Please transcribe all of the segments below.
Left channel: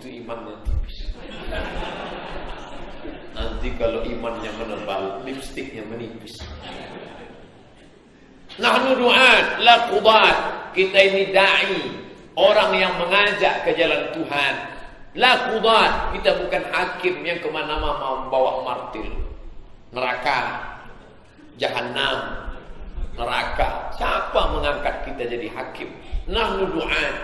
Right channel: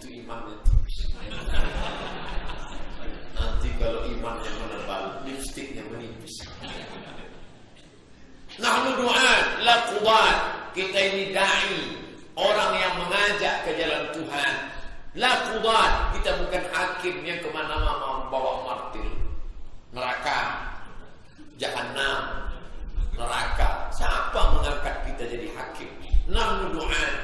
itu imannya tipis. Nanti kalau imannya menebal, lipstiknya menipis. Nahnu du'at la qudat. Kita ini dai, orang yang mengajak ke jalan Tuhan. La qudat. Kita bukan hakim yang kemana-mana membawa martil. Neraka, Jahannam, neraka. Siapa mengangkat kita jadi hakim? Nahnu du'at.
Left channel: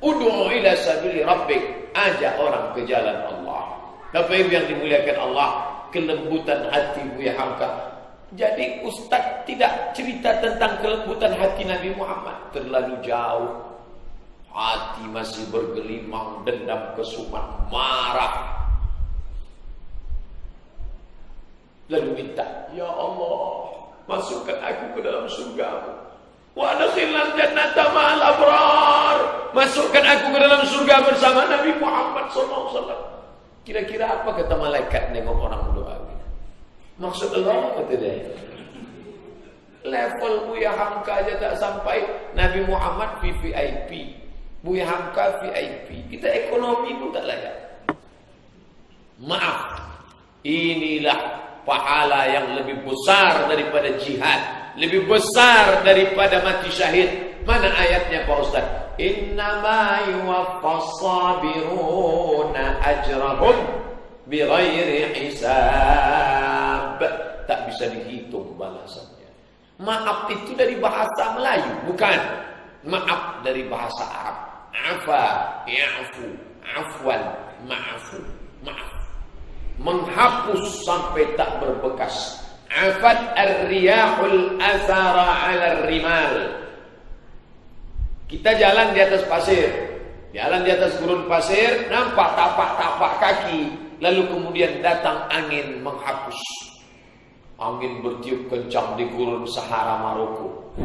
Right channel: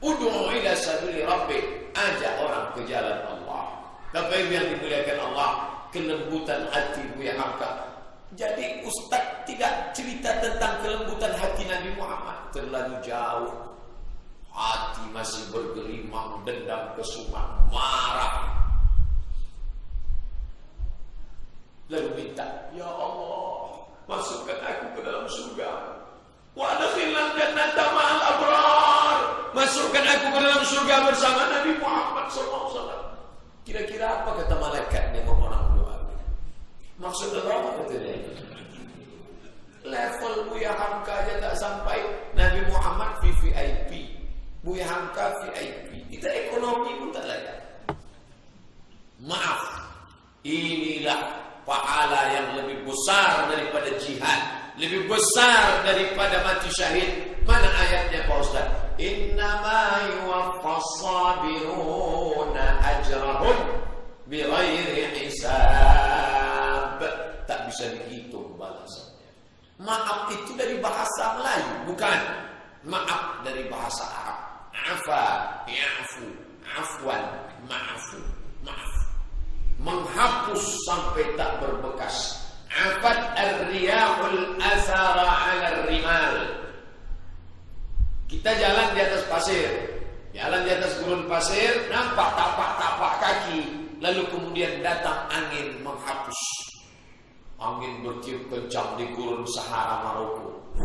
Ud'u ila sabili rabbik. Ajak orang ke jalan Allah. Bapak Ibu yang dimuliakan Allah, kelembutan hati Buya Hamka. Jadi Ustaz tidak cerita tentang kelembutan hati Nabi Muhammad. Terlalu jauh. Hati masih bergelimang, dendam, kesumat, marah. Lalu minta, ya Allah, masukkan aku ke dalam surga. Wa adkhilnal jannata ma'al abrar. Masukkan aku ke dalam surga bersama Nabi Muhammad SAW. Kira-kira apa kata malaikat nengok orang berdoa? Maksud Allah kata dia. Level Buya Hamka aja tak sampai. Nabi Muhammad VIP, Buya Hamka VIP. Kita ekonomi pun tak layak. Maaf, inilah pahala yang lebih besar daripada jihad, lebih besar daripada mati syahid. Mana ayatnya Pak Ustaz? Innama yuwaffas sabiruna ajrahum bighairi hisab. Tak bisa dihitung balasannya. Maaf itu dari bahasa Melayu, bukan. Maaf dari bahasa Arab. Afa, ya'fu, afwan, ma'afu, maaf. Menghapus sampai tak berbekas. Afat ar-riyahul asara 'ala ar-rimal. Kita jalan di atas pasir, jalan di atas gurun pasir, nampak tapak-tapak kaki, lalu kemudian datang angin menghapus. Angin bertiup kencang di gurun Sahara Maroko.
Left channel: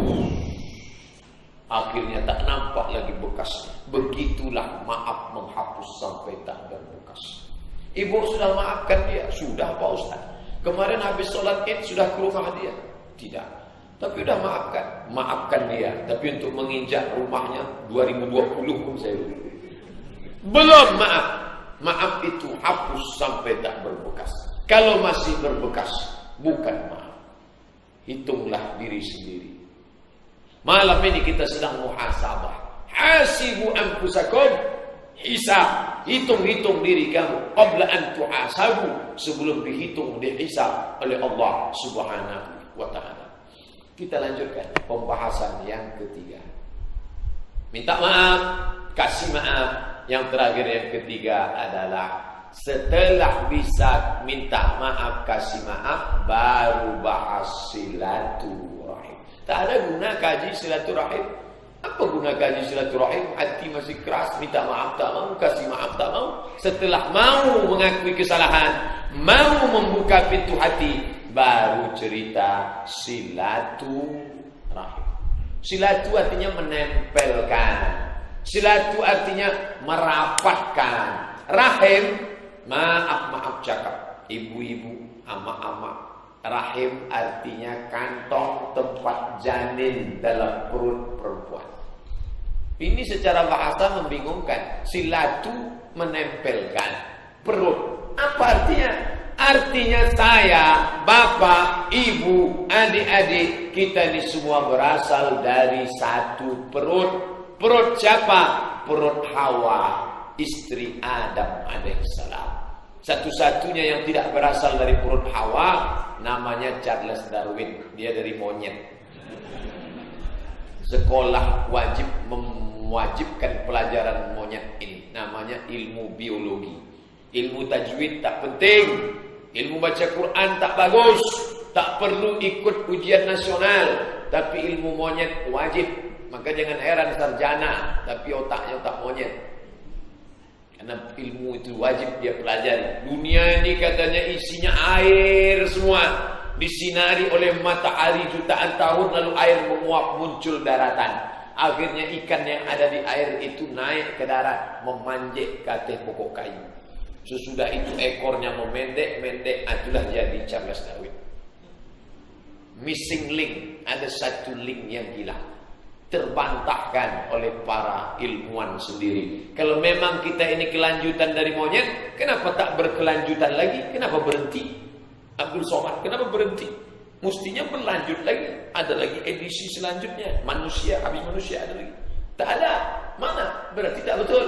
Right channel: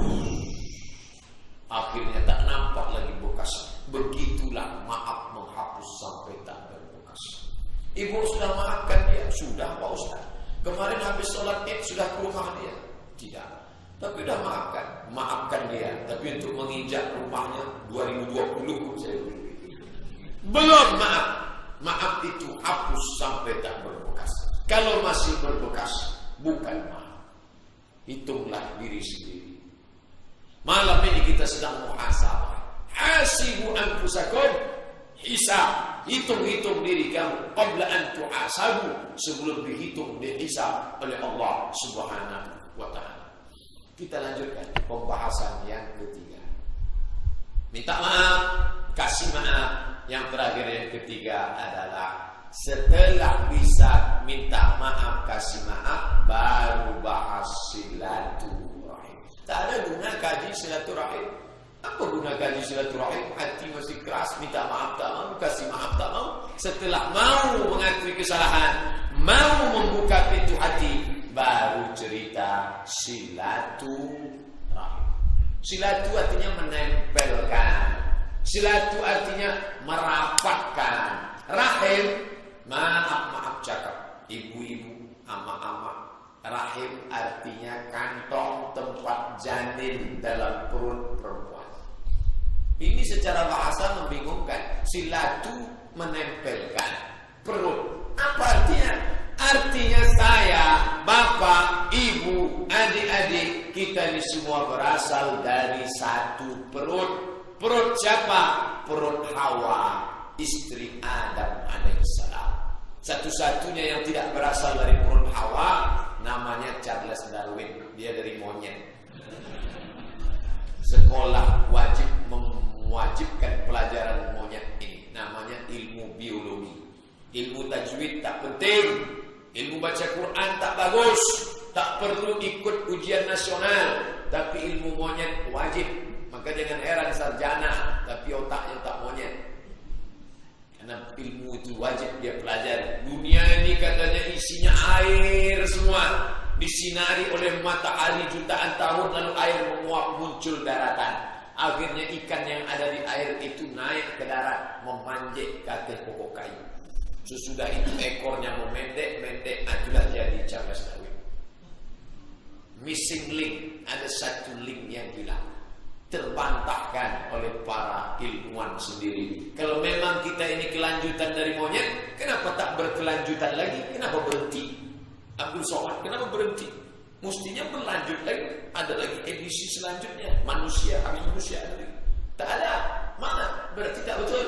Akhirnya tak nampak lagi bekas. Begitulah maaf menghapus sampai tak berbekas. Ibu sudah maafkan dia? Sudah Pak Ustaz. Kemarin habis sholat Id sudah ke rumah dia? Tidak. Tapi udah maafkan dia. Tapi untuk menginjak rumahnya 2020 saya belum maaf. Maaf itu hapus sampai tak berbekas. Kalau masih berbekas, bukan maaf. Hitunglah diri sendiri. Malam ini kita sedang muhasabah. Hasibu anfusakum. Hisab. Hitung-hitung diri kamu. Qabla an tuhasabu. Sebelum dihitung, dihisab oleh Allah Subhanahu wa ta'ala. Kita lanjutkan pembahasan yang ketiga. Minta maaf, kasih maaf. Yang terakhir yang ketiga adalah setelah bisa minta maaf, kasih maaf, baru bahas silaturahim. Tak ada guna kaji silaturahim. Apa guna kaji silaturahim? Hati masih keras, minta maaf tak mau, kasih maaf tak mau. Setelah mau mengakui kesalahan, mau membuka pintu hati, baru cerita silaturahim. Silatu artinya menempelkan. Silatu artinya merapatkan. Rahim, maaf cakap. Ibu-ibu, ama-ama. Rahim artinya kantong tempat janin dalam perut perempuan. Ini secara bahasa membingungkan. Silatu menempelkan. Perut. Apa artinya? Artinya saya, bapak, ibu, adik-adik, kita ini semua berasal dari satu perut. Perut siapa? Perut Hawa, istri Adam alaihissalam. Satu-satunya yang tidak berasal dari perut Hawa namanya Charles Darwin. Dia dari monyet. Sekolah wajib mewajibkan pelajaran monyet ini. Namanya ilmu biologi. Ilmu tajwid tak penting. Ilmu baca Quran tak bagus. Tak perlu ikut ujian nasional. Tapi ilmu monyet wajib. Maka jangan heran sarjana tapi otaknya otak monyet. Karena ilmu itu wajib dia pelajari. Dunia ini katanya isinya air semua. Disinari oleh matahari jutaan tahun, lalu air menguap muncul daratan. Akhirnya ikan yang ada di air itu naik ke darat, memanjat ke atas pokok kayu. Sesudah itu ekornya memendek, itulah jadi Charles Darwin. Missing link, ada satu link yang hilang. terbantahkan oleh para ilmuwan sendiri. Kalau memang kita ini kelanjutan dari monyet, kenapa tak berkelanjutan lagi? Kenapa berhenti? Abdul Somad, kenapa berhenti? Mestinya berlanjut lagi. Ada lagi edisi selanjutnya. Manusia, habis manusia ada lagi. Tak ada. Mana? Berarti tak betul.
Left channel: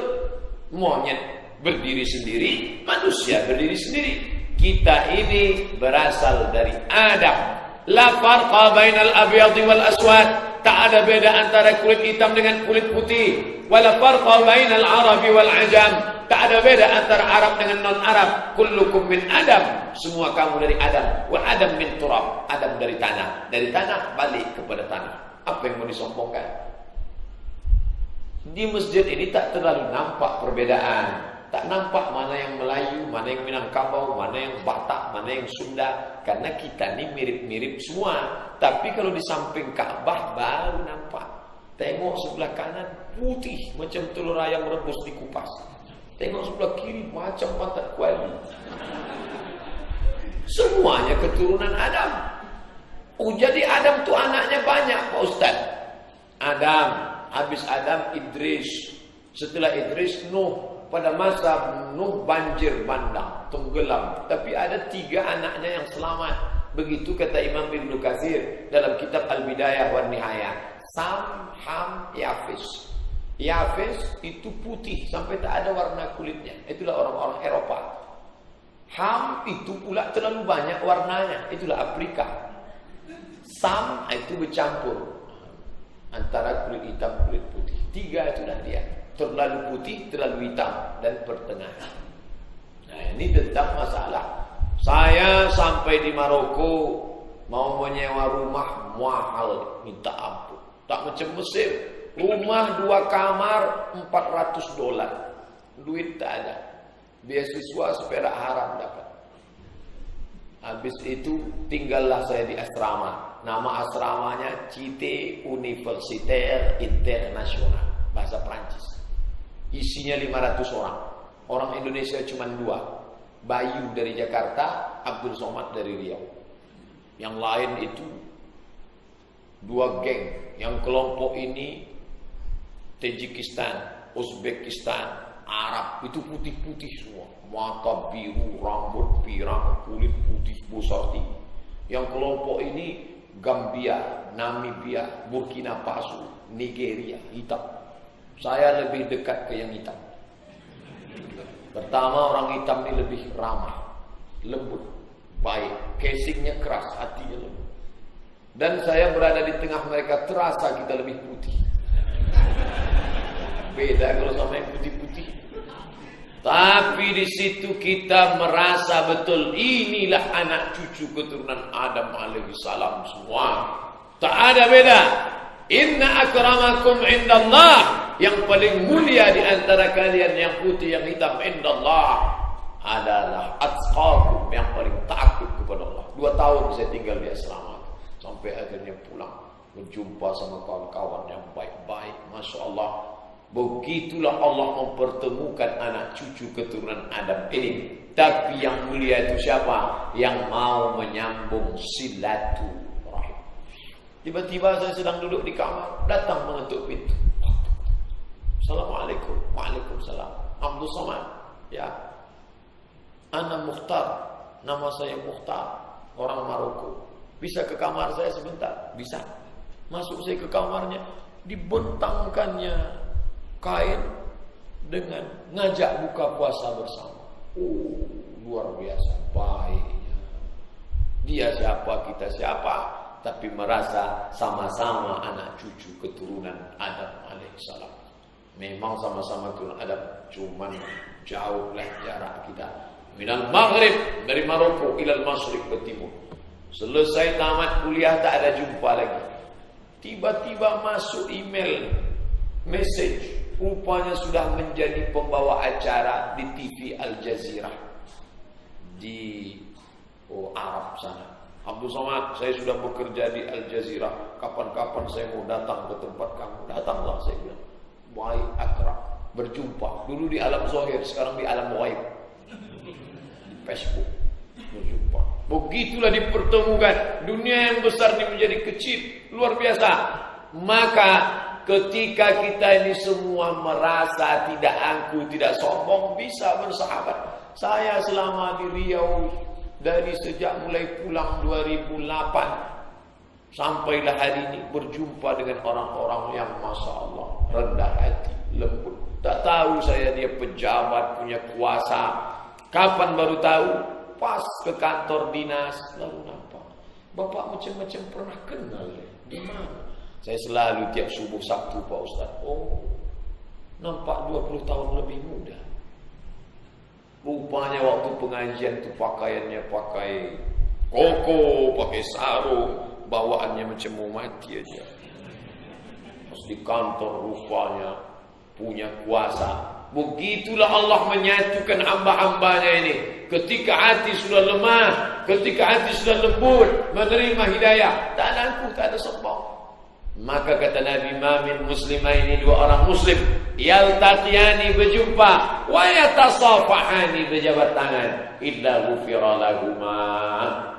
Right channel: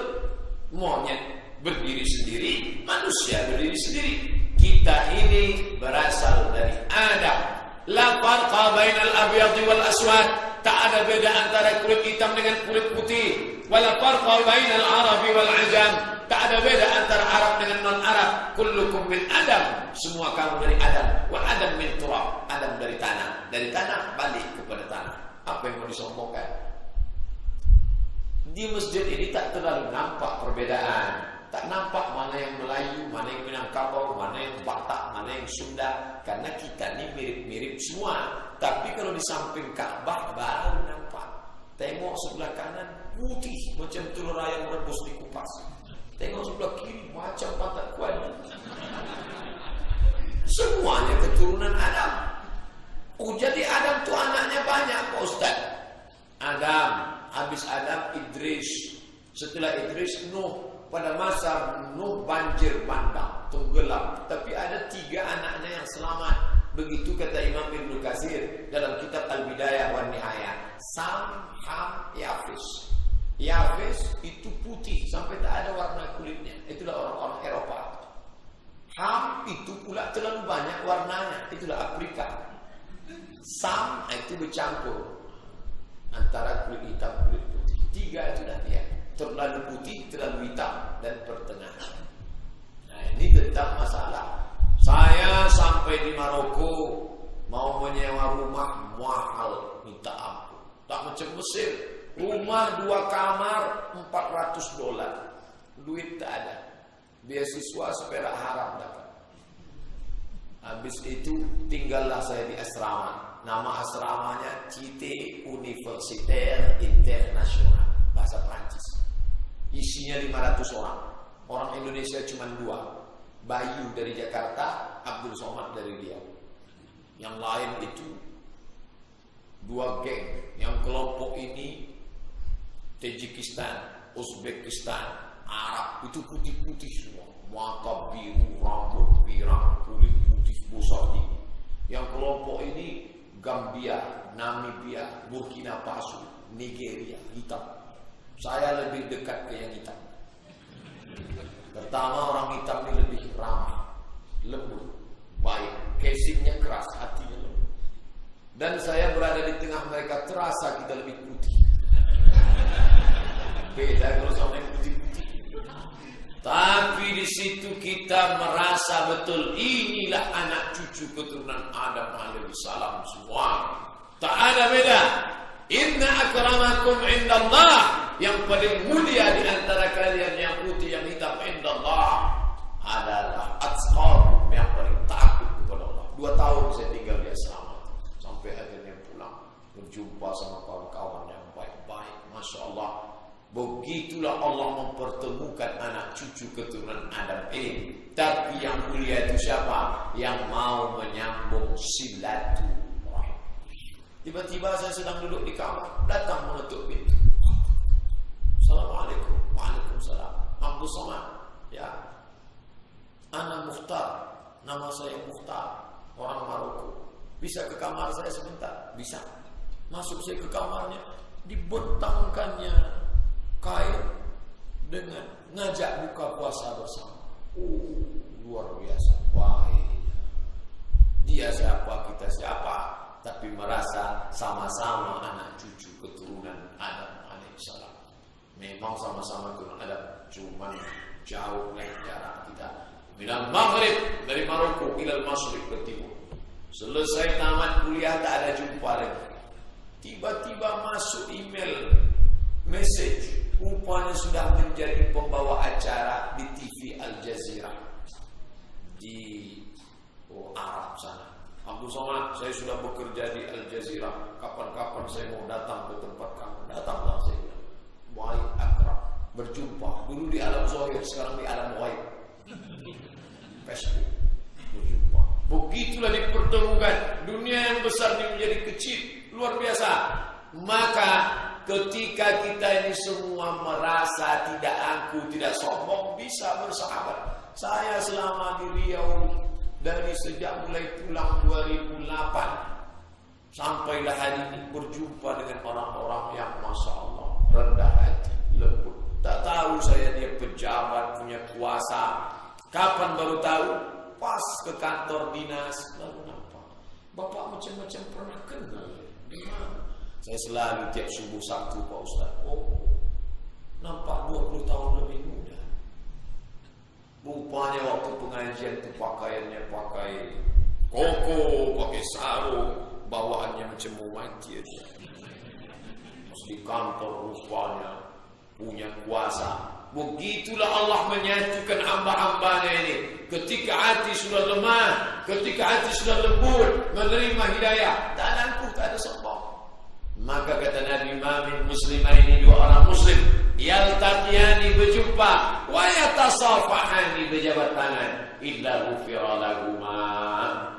Monyet berdiri sendiri, manusia berdiri sendiri. Kita ini berasal dari Adam. La farqa bainal abyadi wal aswad. Tak ada beda antara kulit hitam dengan kulit putih. Wala farqa bainal arabi wal ajam. Tak ada beda antara Arab dengan non-Arab. Kullukum min Adam. Semua kamu dari Adam. Wa Adam min turab. Adam dari tanah. Dari tanah balik kepada tanah. Apa yang mau disombongkan? Di masjid ini tak terlalu nampak perbedaan. Tak nampak mana yang Melayu, mana yang Minangkabau, mana yang Batak, mana yang Sunda. Karena kita ni mirip-mirip semua. Tapi kalau di samping Ka'bah baru nampak. Tengok sebelah kanan putih macam telur ayam rebus dikupas. Tengok sebelah kiri macam pantat kuali. Semuanya keturunan Adam. Oh, jadi Adam tu anaknya banyak, Pak Ustaz. Adam, habis Adam Idris. Setelah Idris Nuh. Pada masa Nuh banjir bandang, tenggelam. Tapi ada 3 anaknya yang selamat. Begitu kata Imam Ibnu Katsir dalam kitab Al-Bidayah wan Nihayah. Sam, Ham, Yafis. Yafis itu putih sampai tak ada warna kulitnya. Itulah orang-orang Eropa. Ham itu pula terlalu banyak warnanya. Itulah Afrika. Sam itu bercampur antara kulit hitam kulit putih. 3 itulah dia. Terlalu putih, terlalu hitam, dan pertengahan. Nah, ini tentang masalah. Saya sampai di Maroko mau menyewa rumah mahal, minta ampun. Tak macam Mesir. Rumah 2 kamar $400. Duit tak ada. Beasiswa seperak haram dapat. Habis itu tinggallah saya di asrama. Nama asramanya Cité Universitaire International, bahasa Prancis. Isinya 500 orang. Orang Indonesia cuma 2. Bayu dari Jakarta, Abdul Somad dari Riau. Yang lain itu 2 geng. Yang kelompok ini Tajikistan, Uzbekistan, Arab. Itu putih-putih semua. Mata biru, rambut pirang, kulit putih besar tinggi. Yang kelompok ini Gambia, Namibia, Burkina Faso, Nigeria, hitam. Saya lebih dekat ke yang hitam. Pertama, orang hitam ini lebih ramah, lembut, baik, casingnya keras, hatinya lembut. Dan saya berada di tengah mereka, terasa kita lebih putih. Beda kalau sama yang putih-putih. Tapi di situ kita merasa betul inilah anak cucu keturunan Adam alaihissalam semua. Tak ada beda. Inna akramakum indallah, yang paling mulia di antara kalian yang putih yang hitam indallah adalah atqakum, yang paling takut kepada Allah. 2 tahun saya tinggal di asrama sampai akhirnya pulang berjumpa sama kawan-kawan yang baik-baik. Masya Allah. Begitulah Allah mempertemukan anak cucu keturunan Adam ini. Tapi yang mulia itu siapa? Yang mau menyambung silaturahim. Tiba-tiba saya sedang duduk di kamar, datang mengetuk pintu. Assalamualaikum. Waalaikumsalam. Abdul Somad. Ya. Ana Mukhtar. Nama saya Mukhtar. Orang Maroko. Bisa ke kamar saya sebentar? Bisa. Masuk saya ke kamarnya, dibentangkannya kain dengan ngajak buka puasa bersama. Oh, luar biasa baiknya. Dia siapa, kita siapa, tapi merasa sama-sama anak cucu keturunan Adam alaihissalam. Memang sama-sama keturunan Adam, cuman jauhlah jarak kita. Minal Maghrib, dari Maroko ilal Masyriq ke timur. Selesai tamat kuliah tak ada jumpa lagi. Tiba-tiba masuk email, message. Rupanya sudah menjadi pembawa acara di TV Al Jazeera di Arab sana. Abdul Somad, saya sudah bekerja di Al Jazeera. Kapan-kapan saya mau datang ke tempat kamu. Datanglah, saya bilang. Baik, akrab, berjumpa. Dulu di alam zahir, sekarang di alam ghaib. Di Facebook berjumpa. Begitulah dipertemukan. Dunia yang besar ini menjadi kecil, luar biasa. Maka ketika kita ini semua merasa tidak angkuh, tidak sombong, bisa bersahabat. Saya selama di Riau, dari sejak mulai pulang 2008 sampailah hari ini, berjumpa dengan orang-orang yang Masya Allah rendah hati, lembut. Tak tahu saya dia pejabat, punya kuasa. Kapan baru tahu? Pas ke kantor dinas, lalu nampak bapak macam-macam pernah kenal ya? Di mana? Saya selalu tiap subuh Sabtu Pak Ustaz. Oh, nampak 20 tahun lebih muda. Rupanya waktu pengajian itu pakaiannya pakai koko, pakai sarung, bawaannya macam mau mati aja. Pas di kantor rupanya punya kuasa. Begitulah Allah menyatukan hamba-hambanya ini. Ketika hati sudah lemah, ketika hati sudah lembut, menerima hidayah, tak ada angkuh, tak ada sombong. Maka kata Nabi, "Mamin muslimaini, dua orang muslim yaltaqiyani, berjumpa, wa yatasafahani, berjabat tangan, illa ghufira lahuma."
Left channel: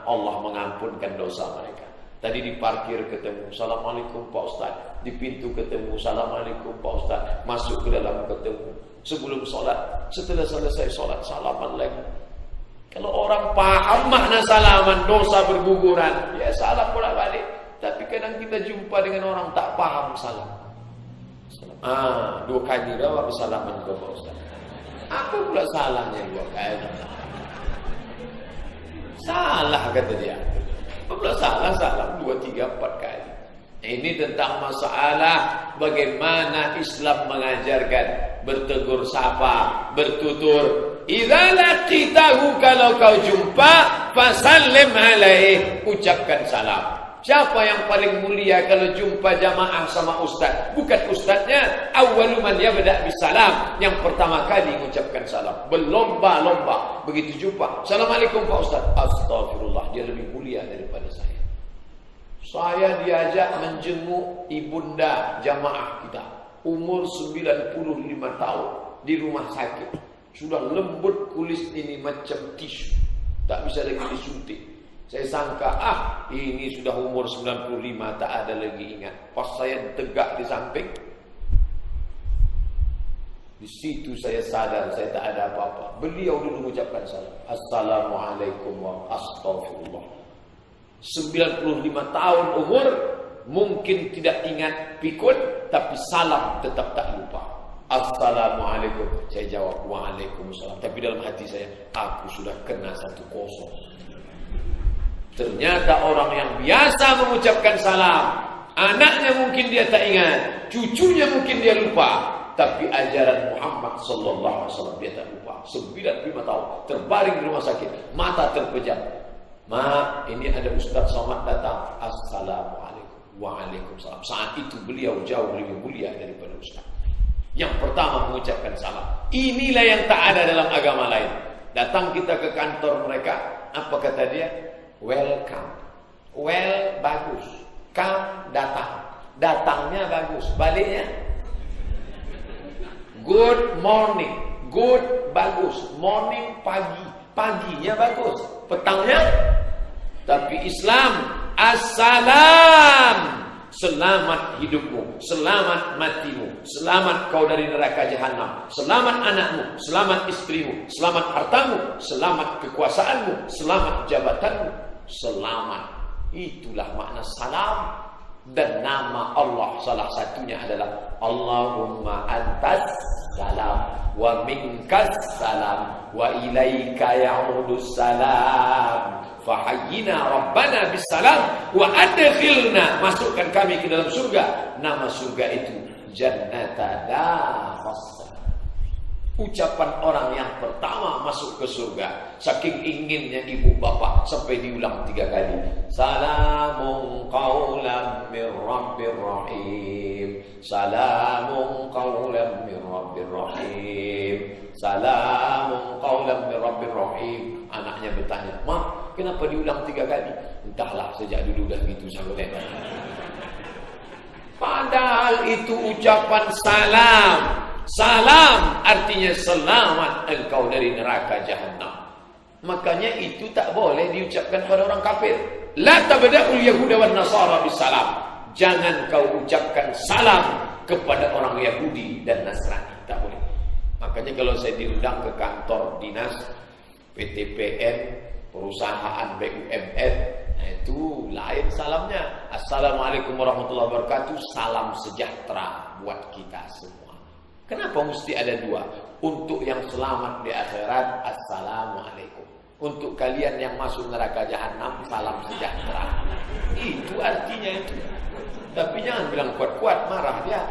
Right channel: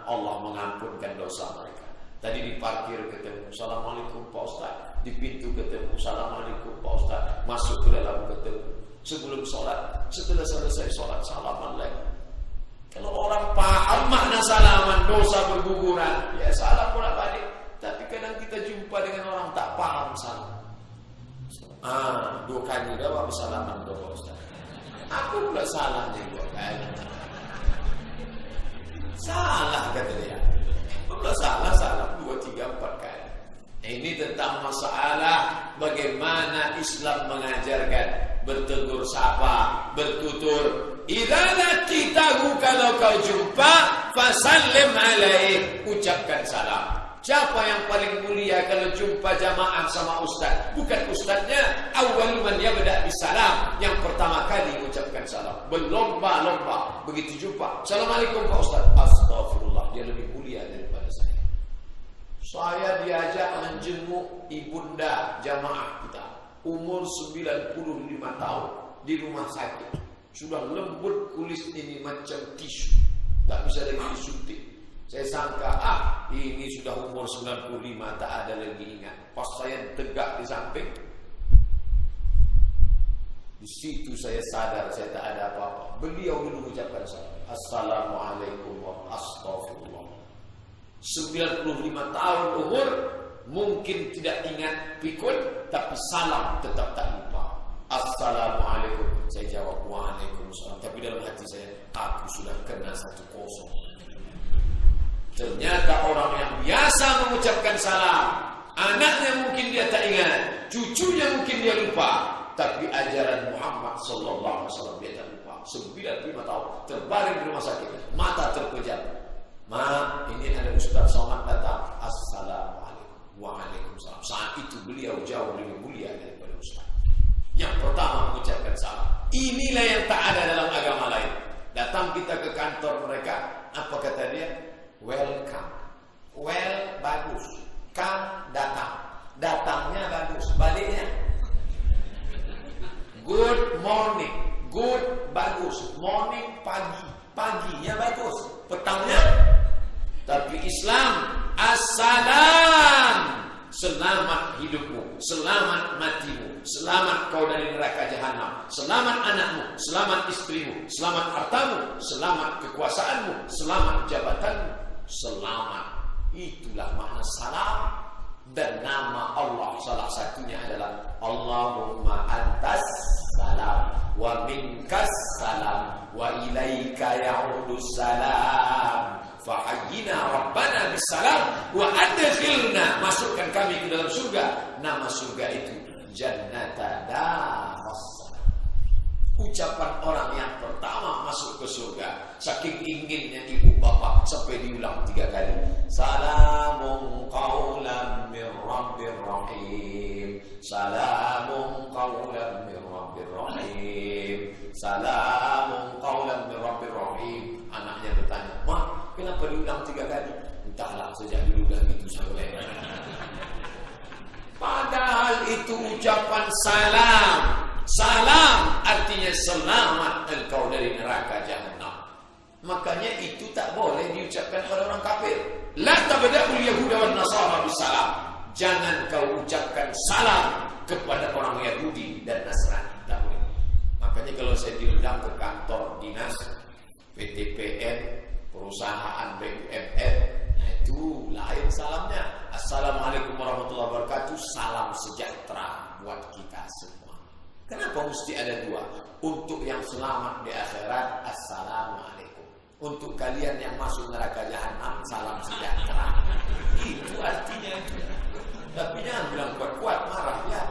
Allah mengampunkan dosa mereka. Tadi di parkir ketemu, "Assalamualaikum Pak Ustaz." Di pintu ketemu, "Assalamualaikum Pak Ustaz." Masuk ke dalam ketemu. Sebelum sholat, setelah selesai sholat, salaman lagi. Kalau orang paham makna salaman, dosa berguguran, ya salam bolak balik. Tapi kadang kita jumpa dengan orang tak paham salam. 2 kali dah awak bersalaman ke Pak Ustaz. Apa pula salahnya 2 kali? Salah kata dia. Apa pula salah salam 2, 3, 4 kali. Ini tentang masalah bagaimana Islam mengajarkan bertegur sapa, bertutur. Idza laqitahu, kalau kau jumpa, fasallim alaih, ucapkan salam. Siapa yang paling mulia kalau jumpa jamaah sama ustaz? Bukan ustaznya, awwalu man yabda bisalam, yang pertama kali mengucapkan salam. Berlomba-lomba begitu jumpa, "Assalamualaikum Pak Ustaz." Astagfirullah, dia lebih mulia daripada saya. Saya diajak menjenguk ibunda jamaah kita, umur 95 tahun, di rumah sakit. Sudah lembut kulit ini macam tisu, tak bisa lagi disuntik. Saya sangka, ini sudah umur 95, tak ada lagi ingat. Pas saya tegak di samping, di situ saya sadar saya tak ada apa-apa. Beliau dulu mengucapkan salam. Assalamualaikum warahmatullahi wabarakatuh. 95 tahun umur, mungkin tidak ingat pikun, tapi salam tetap tak lupa. Assalamualaikum. Saya jawab, "Waalaikumsalam." Tapi dalam hati saya, aku sudah kena 1-0. Ternyata orang yang biasa mengucapkan salam, anaknya mungkin dia tak ingat, cucunya mungkin dia lupa, tapi ajaran Muhammad sallallahu alaihi wasallam dia tak lupa. 95 tahun, terbaring di rumah sakit, mata terpejam. "Ma, ini ada Ustaz Somad datang." Assalamualaikum. Waalaikumsalam. Saat itu beliau jauh lebih mulia daripada Ustaz. Yang pertama mengucapkan salam. Inilah yang tak ada dalam agama lain. Datang kita ke kantor mereka, apa kata dia? Welcome. Well, bagus. Come, datang. Datangnya bagus. Baliknya good morning. Good, bagus. Morning, pagi. Paginya bagus. Petangnya. Tapi Islam, assalam. Selamat hidupmu, selamat matimu, selamat kau dari neraka jahanam, selamat anakmu, selamat istrimu, selamat hartamu, selamat kekuasaanmu, selamat jabatanmu, selamat. Itulah makna salam. Dan nama Allah salah satunya adalah Allahumma antas salam wa minkas salam wa ilaika ya'udus salam. Fahayyina Rabbana bisalam wa adkhilna, masukkan kami ke dalam surga. Nama surga itu Jannata Darussalam. Ucapan orang yang pertama masuk ke surga. Saking inginnya ibu bapak sampai diulang 3 kali. Salamun qaulan mir rabbir rahim. Salamun qaulan mir rabbir rahim. Salamun qaulan mir rabbir rahim. Anaknya bertanya, "Ma, kenapa diulang 3 kali?" "Entahlah, sejak dulu dah gitu sampai." Padahal itu ucapan salam. Salam artinya selamat engkau dari neraka jahanam. Makanya itu tak boleh diucapkan pada orang kafir. La tabda'ul yahuda wan nasara bisalam. Jangan kau ucapkan salam kepada orang Yahudi dan Nasrani. Tak boleh. Makanya kalau saya diundang ke kantor dinas PTPN, perusahaan BUMN, nah itu lain salamnya. Assalamualaikum warahmatullahi wabarakatuh. Salam sejahtera buat kita semua. Kenapa mesti ada dua? Untuk yang selamat di akhirat, assalamualaikum. Untuk kalian yang masuk neraka jahanam, salam sejahtera. Itu artinya itu. Tapi jangan bilang kuat-kuat, marah dia.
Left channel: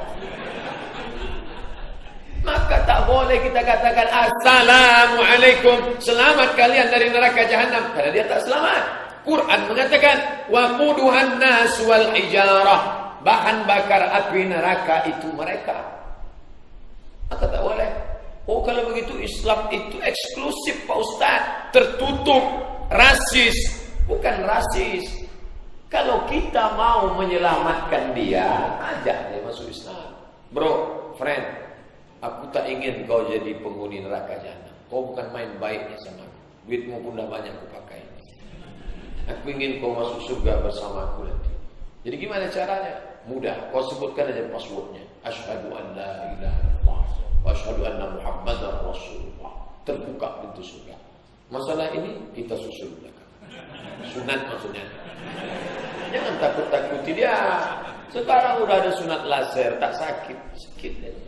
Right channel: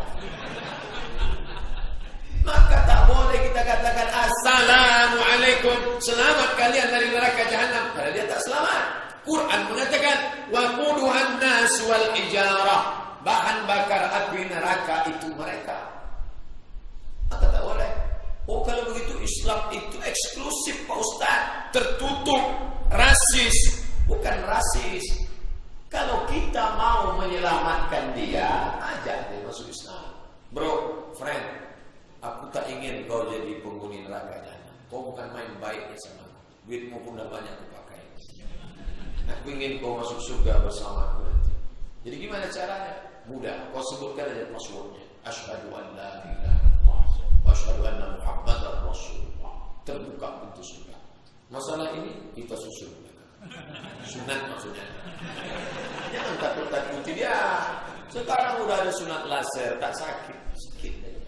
Maka tak boleh kita katakan assalamualaikum, selamat kalian dari neraka jahanam, karena dia tak selamat. Quran mengatakan waquduhan nas wal hijarah, bahan bakar api neraka itu mereka. Maka tak boleh. Oh, kalau begitu Islam itu eksklusif Pak Ustaz, tertutup, rasis. Bukan rasis. Kalau kita mau menyelamatkan dia, ajak dia masuk Islam. Bro, friend, aku tak ingin kau jadi penghuni neraka jahanam. Kau bukan main baiknya sama aku. Duitmu pun dah banyak aku pakai. Aku ingin kau masuk surga bersama aku nanti. Jadi gimana caranya? Mudah. Kau sebutkan aja passwordnya. Asyhadu an la ilaha illallah wa asyhadu anna Muhammadar Rasulullah. Terbuka pintu surga. Masalah ini kita susul belakang. Sunat maksudnya. Jangan takut-takuti dia. Sekarang udah ada sunat laser, tak sakit, sedikit aja.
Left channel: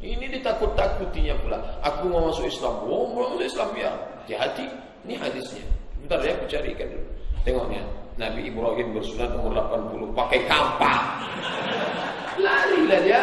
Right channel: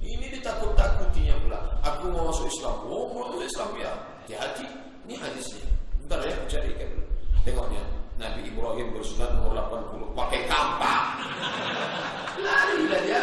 Ini ditakut-takutinya pula. Aku mau masuk Islam. Oh, mau masuk Islam ya. Hati-hati. Ini hadisnya. Bentar ya, aku carikan dulu. Tengoknya. Nabi Ibrahim bersunat umur 80 pakai kampak. Larilah dia.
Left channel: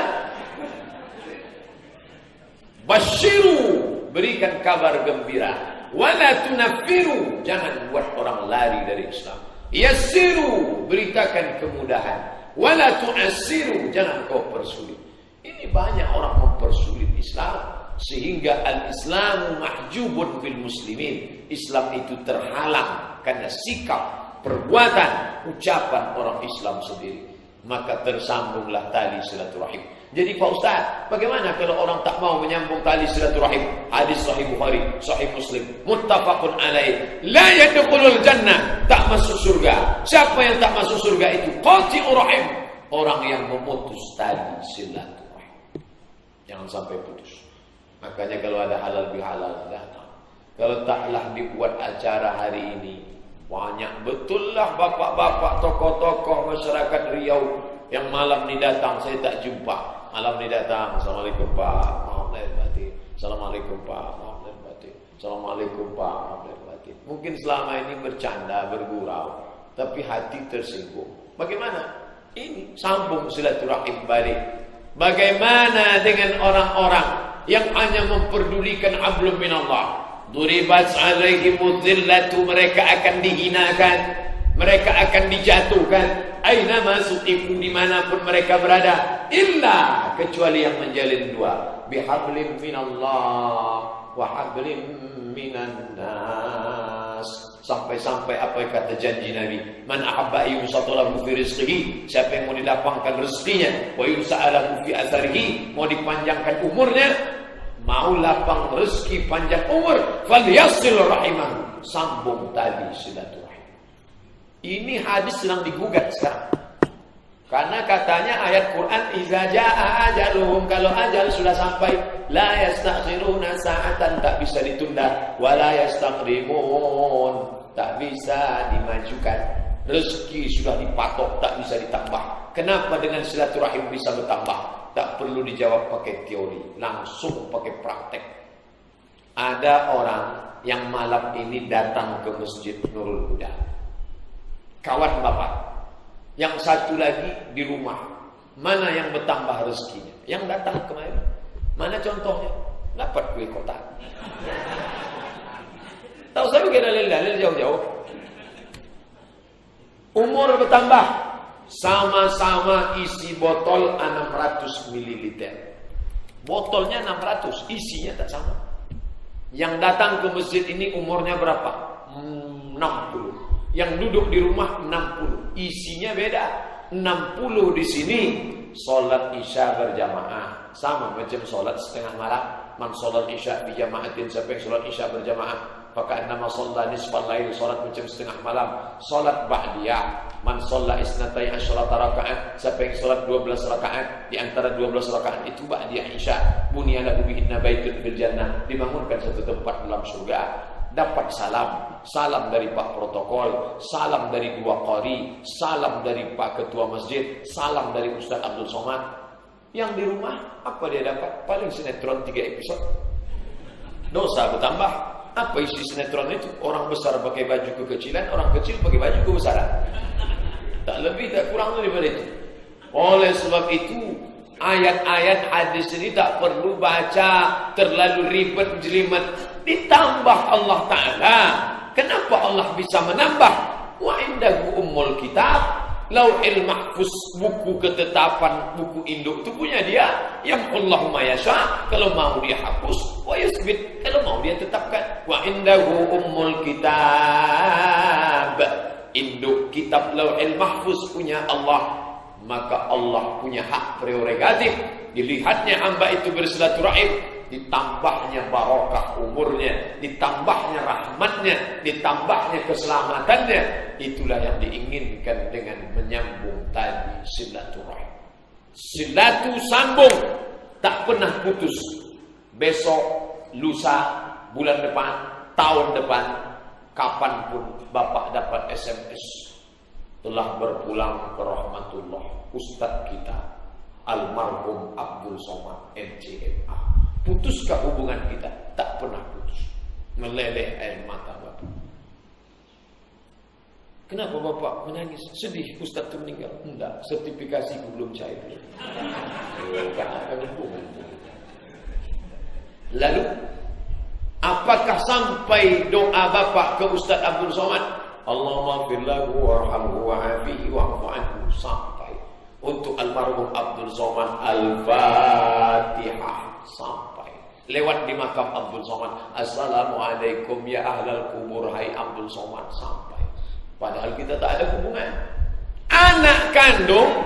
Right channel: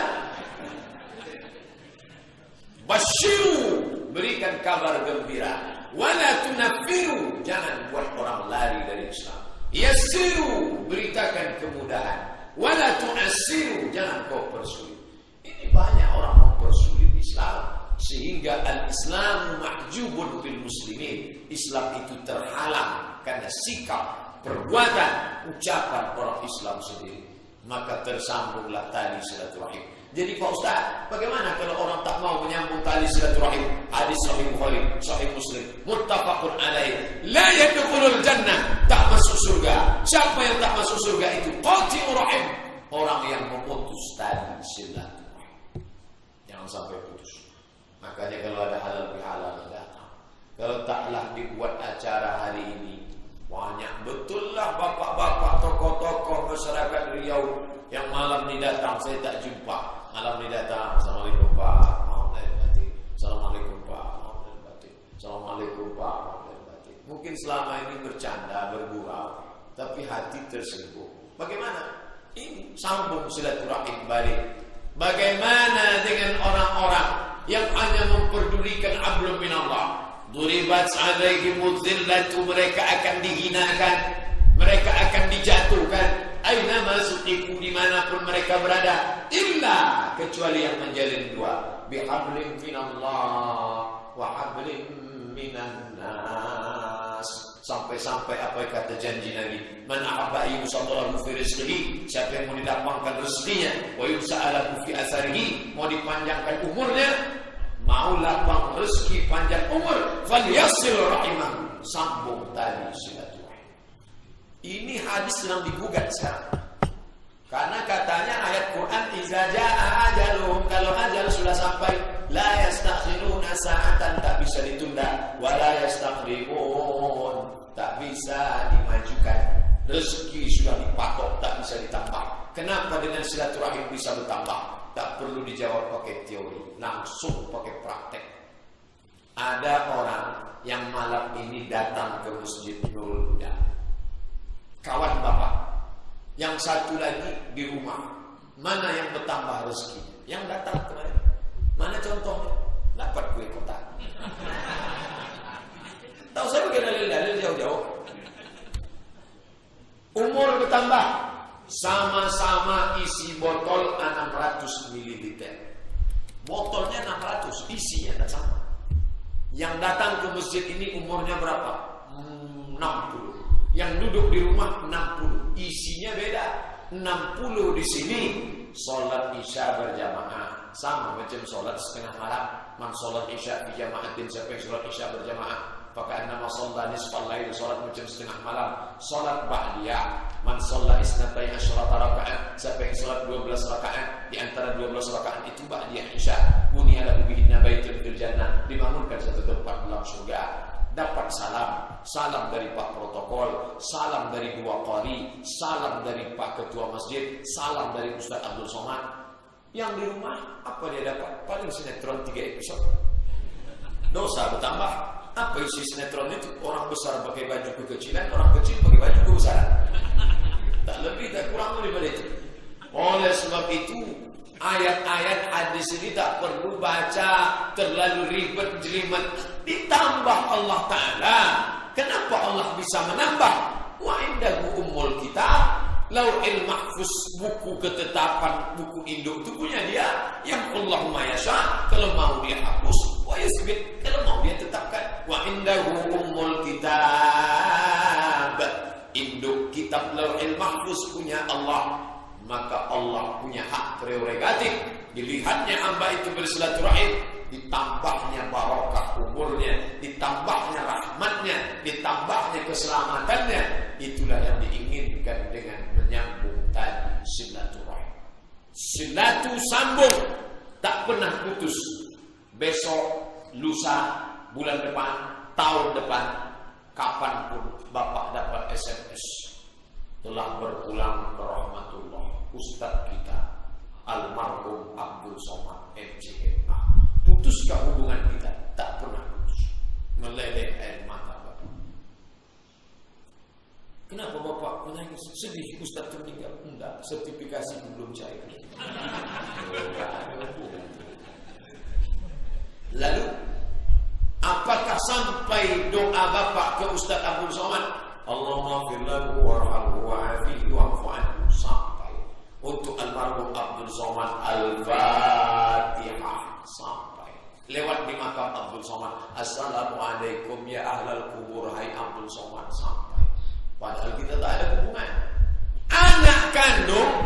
Basyiru, berikan kabar gembira. Wala tunaffiru, jangan buat orang lari dari Islam. Yassiru, beritakan kemudahan. Wala tu'assiru, jangan kau persulit. Ini banyak orang mempersulit Islam sehingga al-Islamu mahjubun bil muslimin. Islam itu terhalang karena sikap, perbuatan, ucapan orang Islam sendiri. Maka tersambunglah tali silaturahim. Jadi Pak Ustaz, bagaimana kalau orang tak mau menyambung tali silaturahim? Hadis Sahih Bukhari, Sahih Muslim, muttafaqun alaih. La yadkhulul jannah, tak masuk surga. Siapa yang tak masuk surga itu? Qati'ur rahim, orang yang memutus tali silaturahim. Jangan sampai putus. Makanya kalau ada halal bihalal datang. Kalau taklah dibuat acara hari ini, banyak betul lah bapak-bapak, tokoh-tokoh masyarakat Riau yang malam ni datang, saya tak jumpa. Malam ni datang, assalamualaikum Pak, maaf lahir batin. Assalamualaikum Pak, maaf lahir batin. Assalamualaikum Pak, maaf lahir batin. Mungkin selama ini bercanda, bergurau, tapi hati tersinggung. Bagaimana? Ini sambung silaturahim balik. Bagaimana dengan orang-orang yang hanya memperdulikan hablum minallah? Duribat alaihimudz zillatu, mereka akan dihinakan, mereka akan dijatuhkan. Aina masuqifu, dimanapun mereka berada, illa, kecuali yang menjalin dua, bihablim minallah wa hablim minan nas. Sampai-sampai apa yang kata janji Nabi, man ahabba yusatalahu fi rizqihi, siapa yang mau dilapangkan rezekinya, wa yusa'alahu fi asarihi, mau dipanjangkan umurnya, mau lapang rezeki panjang umur, falyasil rahimah, sambung tali silaturahim. Ini hadis sedang digugat sekarang. Karena katanya ayat Quran iza jaa ajaluhum, kalau ajal sudah sampai, la yastakhiruna sa'atan, tak bisa ditunda, wa la yastaqdimun, tak bisa dimajukan. Rezeki sudah dipatok, tak bisa ditambah. Kenapa dengan silaturahim bisa bertambah? Tak perlu dijawab pakai teori, langsung pakai praktek. Ada orang yang malam ini datang ke Masjid Nurul Huda, kawan bapak. Yang satu lagi di rumah. Mana yang bertambah rezekinya? Yang datang kemarin. Mana contohnya? Dapat kue kotak. Tahu saya bikin dalil-dalil jauh-jauh. Umur bertambah, sama-sama isi botol 600 ml. Botolnya 600, isinya tak sama. Yang datang ke masjid ini umurnya berapa? 60. Yang duduk di rumah 60, isinya beda. 60 di sini salat isya berjamaah, sama macam salat setengah malam. Man salat isya bi jamaatin, siapa yang salat isya berjamaah, Faka'annama shalla nisfal lail, salat macam setengah malam. Salat ba'diyah, man shalla isnatai asyrata rakaat, siapa yang salat 12 rakaat, di antara 12 rakaat itu ba'diyah isya, buniyana bihinna baitun fil jannah, dibangunkan satu tempat dalam surga. Dapat salam dari Pak Protokol, salam dari dua qari, salam dari Pak Ketua Masjid, salam dari Ustaz Abdul Somad. Yang di rumah apa dia dapat? Paling sinetron 3 episode. Dosa bertambah. Apa isi sinetron itu? Orang besar pakai baju kekecilan, orang kecil pakai baju kebesaran. Tak lebih tak kurang daripada itu. Oleh sebab itu, ayat-ayat hadis ini tak perlu baca terlalu ribet jelimet. Ditambah Allah Ta'ala. Kenapa Allah bisa menambah? Wa indahu ummul kitab, Lauhil Mahfuz, buku ketetapan, buku induk itu punya dia. Yang Allahumma yasha, kalau mau dia hapus, wa yusbit, kalau mau dia tetapkan. Wa indahu ummul kitab, induk kitab Lauhil Mahfuz punya Allah. Maka Allah punya hak prerogatif. Dilihatnya hamba itu bersilaturahim, ditambahnya barokah umurnya, ditambahnya rahmatnya, ditambahnya keselamatannya. Itulah yang diinginkan dengan menyambung tadi silaturahim. Silatu sambung, tak pernah putus. Besok, lusa, bulan depan, tahun depan, kapanpun Bapak dapat SMS, telah berpulang ke rahmatullah Ustadz kita almarhum Abdul Somad MCMA. Putuskah hubungan kita? Tak pernah putus. Meleleh air mata Bapak. Kenapa Bapak menangis? Sedih Ustadz meninggal? Enggak, sertifikasiku belum cair. Lalu apakah sampai doa Bapak ke Ustadz Abdul Somad, Allahumma fir lahu warhamhu wa'afihi wa'fu anhu, sampai untuk almarhum Abdul Somad Al-Fatihah, sampai lewat di makam Abdul Somad, Assalamualaikum ya ahlal kubur, hai Abdul Somad, sampai. Padahal kita tak ada hubungan. Anak kandung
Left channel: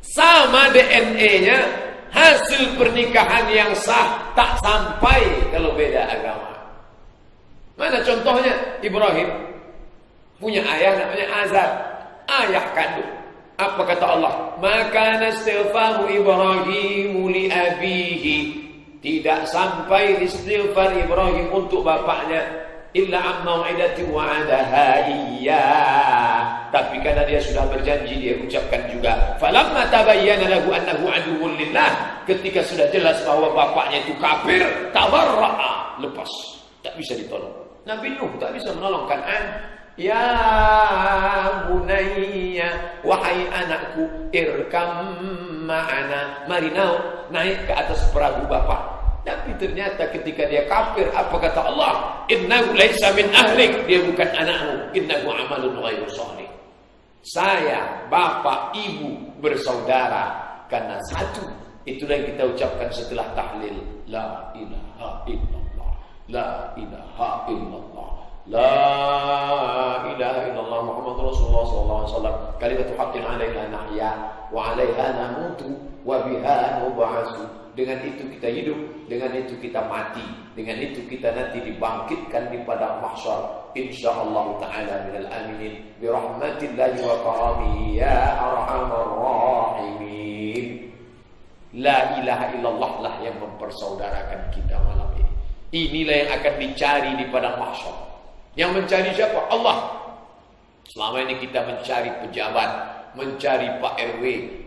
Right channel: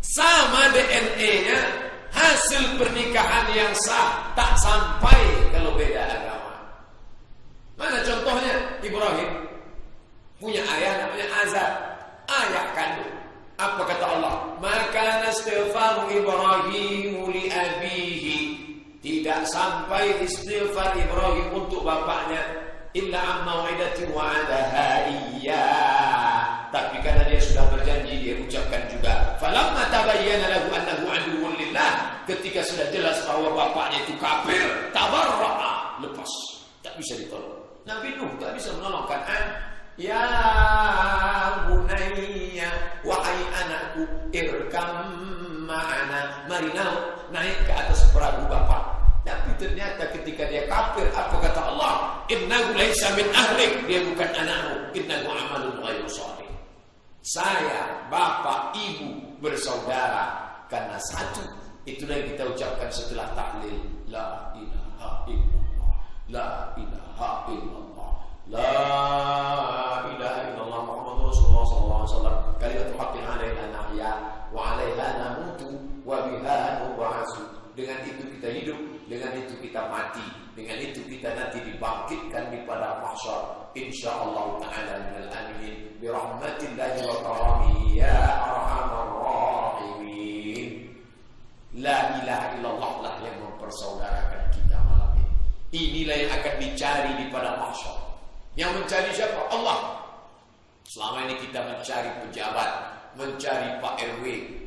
sama DNA-nya, hasil pernikahan yang sah, tak sampai kalau beda agama. Mana contohnya? Ibrahim punya ayah namanya Azar, ayah kandung. Apa kata Allah? Maka istighfaru Ibrahim li abihi, tidak sampai istighfar Ibrahim untuk bapaknya, illa amma wa'idati wa'adaha iyyah, tapi karena dia sudah berjanji dia ucapkan juga. Falamma tabayyana lahu annahu aduwwun lillah, ketika sudah jelas bahwa bapaknya itu kafir, tabarra'a, lepas, tak bisa ditolong. Nabi Nuh tak bisa menolong Kan'an. Ya bunayya, wahai anakku, irkam ma'ana, mari naik ke atas perahu bapak. Tapi ternyata ketika dia kafir, apa kata Allah? Innahu laisa min ahlik, dia bukan anakmu, innahu amalun ghairu shalih. Saya, bapak, ibu bersaudara karena satu. Itulah yang kita ucapkan setelah tahlil, la ilaha illallah, la ilaha illallah, la ilaha illallah Muhammadur Rasulullah sallallahu alaihi wasallam, kalimatu haqqin 'alaina nahya wa 'alaiha namutu wa biha nub'atsu. Dengan itu kita hidup, dengan itu kita mati, dengan itu kita nanti dibangkitkan di padang mahsyar insyaallah taala minal aminin bi rahmatillahi wa karamihi ya arhamar rahimin. La ilaha illallah lah yang mempersaudarakan kita malam ini. Inilah yang akan dicari di padang mahsyar. Yang mencari siapa? Allah. Selama ini kita mencari pejabat, mencari Pak RW,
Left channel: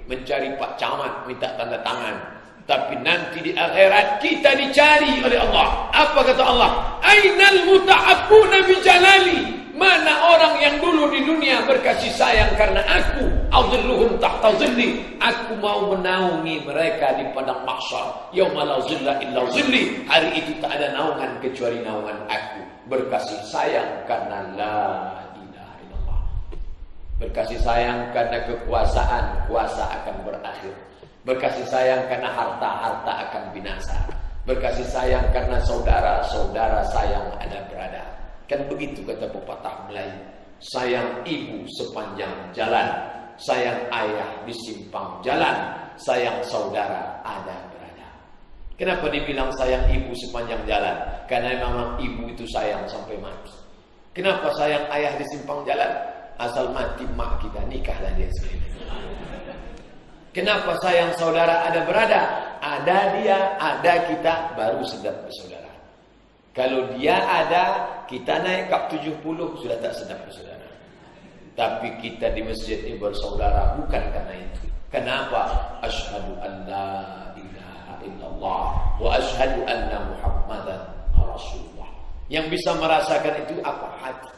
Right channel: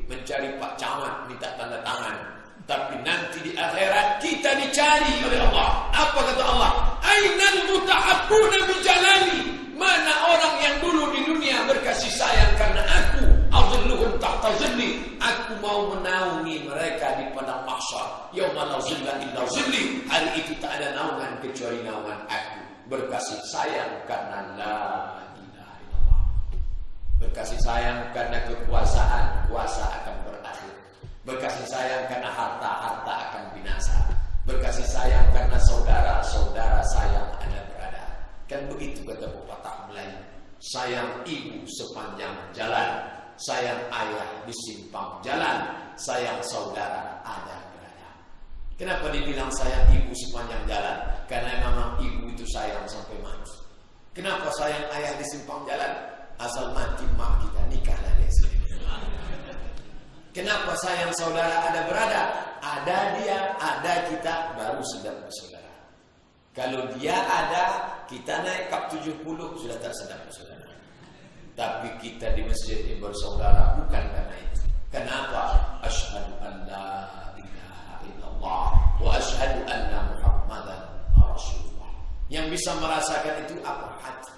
mencari Pak Camat, minta tanda tangan. Tapi nanti di akhirat kita dicari oleh Allah. Apa kata Allah? Ainal muta'abbuna bi jalali. Mana orang yang dulu di dunia berkasih sayang karena aku, azilluhum tahta zilli, aku mau menaungi mereka di padang mahsyar. Yauma la zilla illa zilli, hari itu tak ada naungan kecuali naungan aku. Berkasih sayang karena la ilaha illallah. Berkasih sayang karena kekuasaan, kuasa akan berakhir. Berkasih sayang karena harta, harta akan binasa. Berkasih sayang karena saudara, saudara sayang ada berada. Kan begitu kata pepatah Melayu. Sayang ibu sepanjang jalan, sayang ayah di simpang jalan, sayang saudara ada berada. Kenapa dibilang sayang ibu sepanjang jalan? Karena memang ibu itu sayang sampai mati. Kenapa sayang ayah di simpang jalan? Asal mati mak kita, nikahlah dia sendiri. Kenapa sayang saudara ada berada? Ada dia, ada kita, baru sedap bersaudara. Kalau dia ada, kita naik kap 70, sudah tak sedap bersaudara. Tapi kita di masjid ini bersaudara bukan karena itu. Kenapa? Asyhadu an la ilaha illallah wa asyhadu anna Muhammadan Rasulullah. Yang bisa merasakan itu apa? Hati.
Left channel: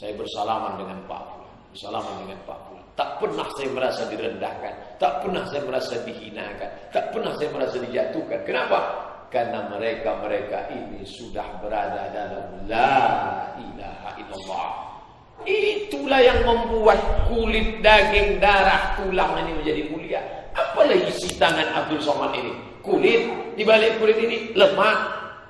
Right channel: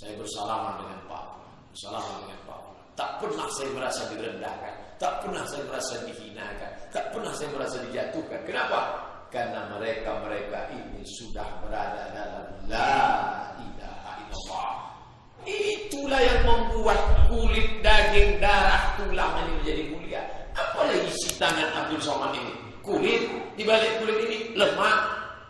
Saya bersalaman dengan Pak Fulan, bersalaman dengan Pak Fulan. Tak pernah saya merasa direndahkan, tak pernah saya merasa dihinakan, tak pernah saya merasa dijatuhkan. Kenapa? Karena mereka ini sudah berada dalam la ilaha illallah. Itulah yang membuat kulit, daging, darah, tulang ini menjadi mulia. Apalah isi tangan Abdul Somad ini? Kulit, di balik kulit ini lemak,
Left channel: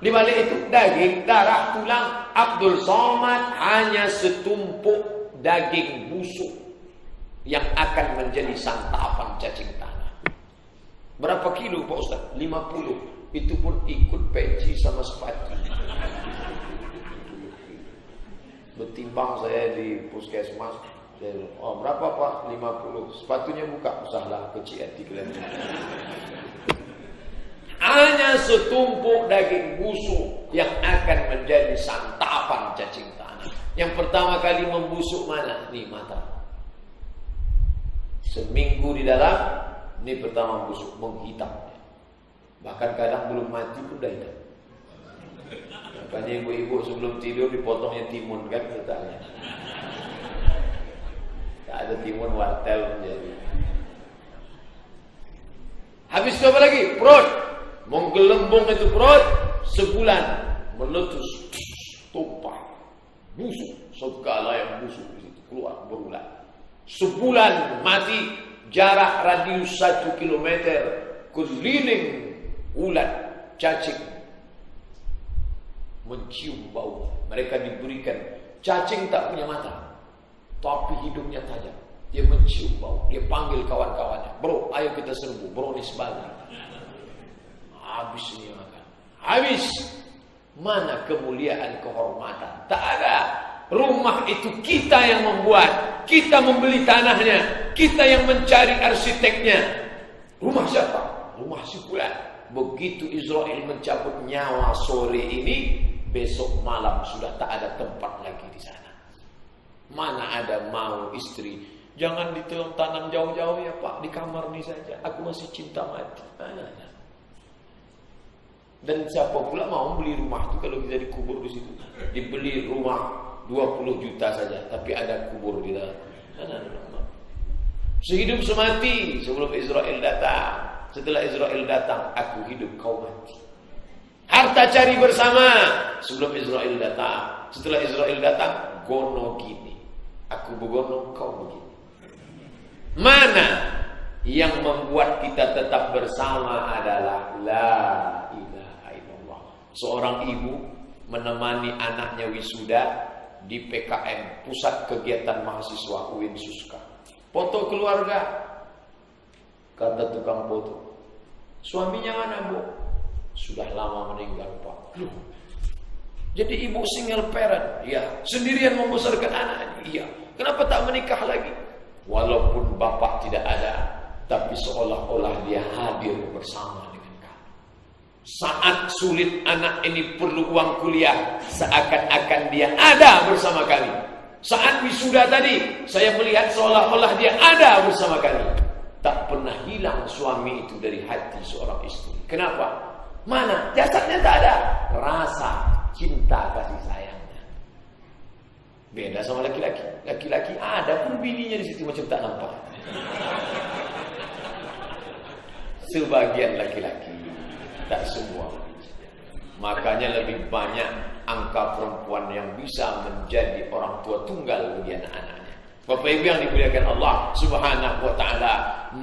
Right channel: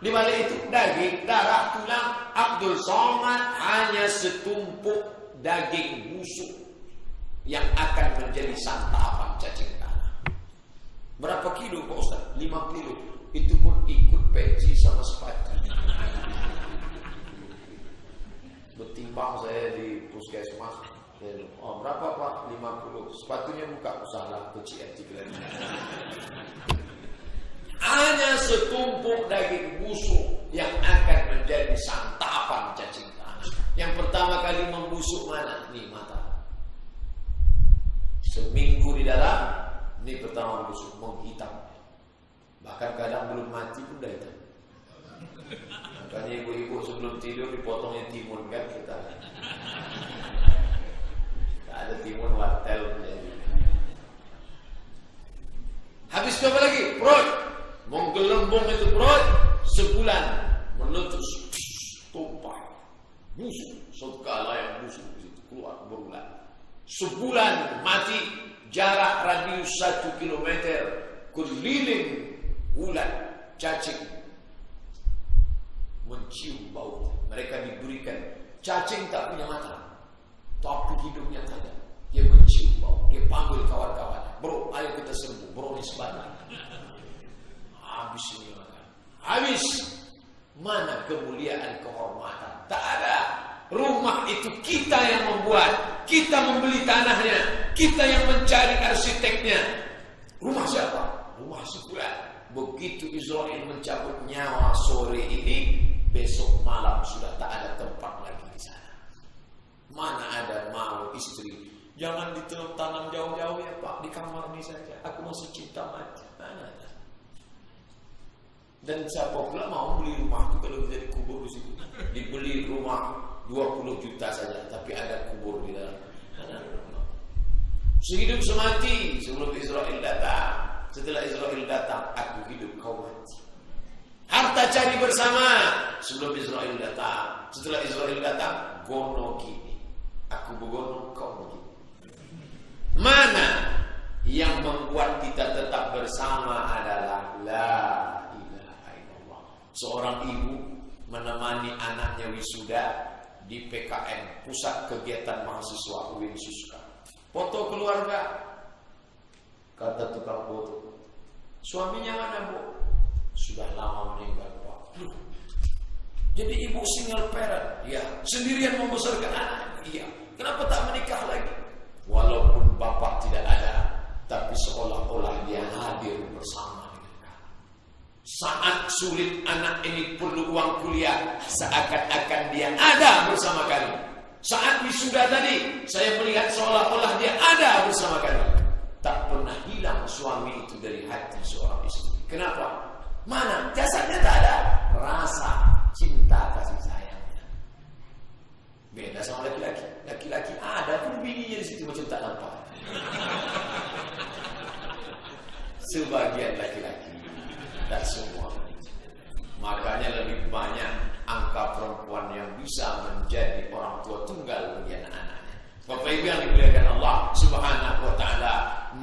di balik itu daging, darah, tulang. Abdul Somad hanya setumpuk daging busuk yang akan menjadi santapan cacing tanah. Berapa kilo Pak Ustaz? 50. Itu pun ikut peci sama sepatu. Bertimbang saya di puskesmas. Oh berapa Pak? 50. Sepatunya buka. Usahlah kecil hati kalian. Hanya setumpuk daging busuk yang akan menjadi santapan cacing tanah. Yang pertama kali membusuk mana? Nih mata. Seminggu di dalam, ini pertama membusuk, menghitam. Bahkan kadang belum mati pun dah hitam. Makanya ibu-ibu sebelum tidur dipotongnya timun kan katanya. Tak ada timun wartel menjadi. Habis itu apa lagi? Perut. Menggelembung itu perut sebulan meletus, tumpah, busuk, segala yang busuk di situ keluar berulang. Sebulan mati, jarak radius 1 kilometer keliling ulat cacing mencium bau. Mereka diberikan, cacing tak punya mata tapi hidungnya tajam. Dia mencium bau, dia panggil kawan-kawannya, bro ayo kita serbu, bro ini sebalik. Habis ini makan, habis. Mana kemuliaan, kehormatan? Tak ada. Rumah itu kita yang membuat, kita membeli tanahnya, kita yang mencari arsiteknya. Rumah siapa? Rumah si fulan. Begitu Israel mencabut nyawa sore ini, besok malam sudah tak ada tempat lagi di sana. Mana ada mau istri, jangan ditanam jauh-jauh ya Pak, di kamar ini saja, aku masih cinta mati. Mana ada. Dan siapa pula mau beli rumah itu kalau kita dikubur di situ? Dibeli rumah 20 juta saja, tapi ada kubur di dalam. Mana ada rumah? Sehidup semati sebelum Israel datang. Setelah Israel datang, aku hidup, kau mati. Harta cari bersama sebelum Israel datang. Setelah Israel datang, gono gini. Aku begono, kau begini. Mana yang membuat kita tetap bersama adalah la ilaha illallah. Seorang ibu menemani anaknya wisuda di PKM, Pusat Kegiatan Mahasiswa UIN Suska. Foto keluarga. Kata tukang foto, suaminya mana Bu? Sudah lama meninggal Pak. Loh, jadi ibu single parent? Ya. Sendirian membesarkan anak? Iya. Kenapa tak menikah lagi? Walaupun bapak tidak ada, tapi seolah-olah dia hadir bersama dengan kamu. Saat sulit anak ini perlu uang kuliah, seakan-akan dia ada bersama kami. Saat wisuda tadi, saya melihat seolah-olah dia ada bersama kami. Tak pernah hilang suami itu dari hati seorang istri. Kenapa? Mana? Jasadnya tak ada. Rasa cinta kasih sayangnya. Beda sama laki-laki. Laki-laki ada pun bininya di situ macam tak nampak. Sebagian laki-laki, tak semua. Makanya lebih banyak angka perempuan yang bisa menjadi orang tua tunggal bagi anak-anaknya. Bapak Ibu yang dimuliakan Allah Subhanahu wa taala,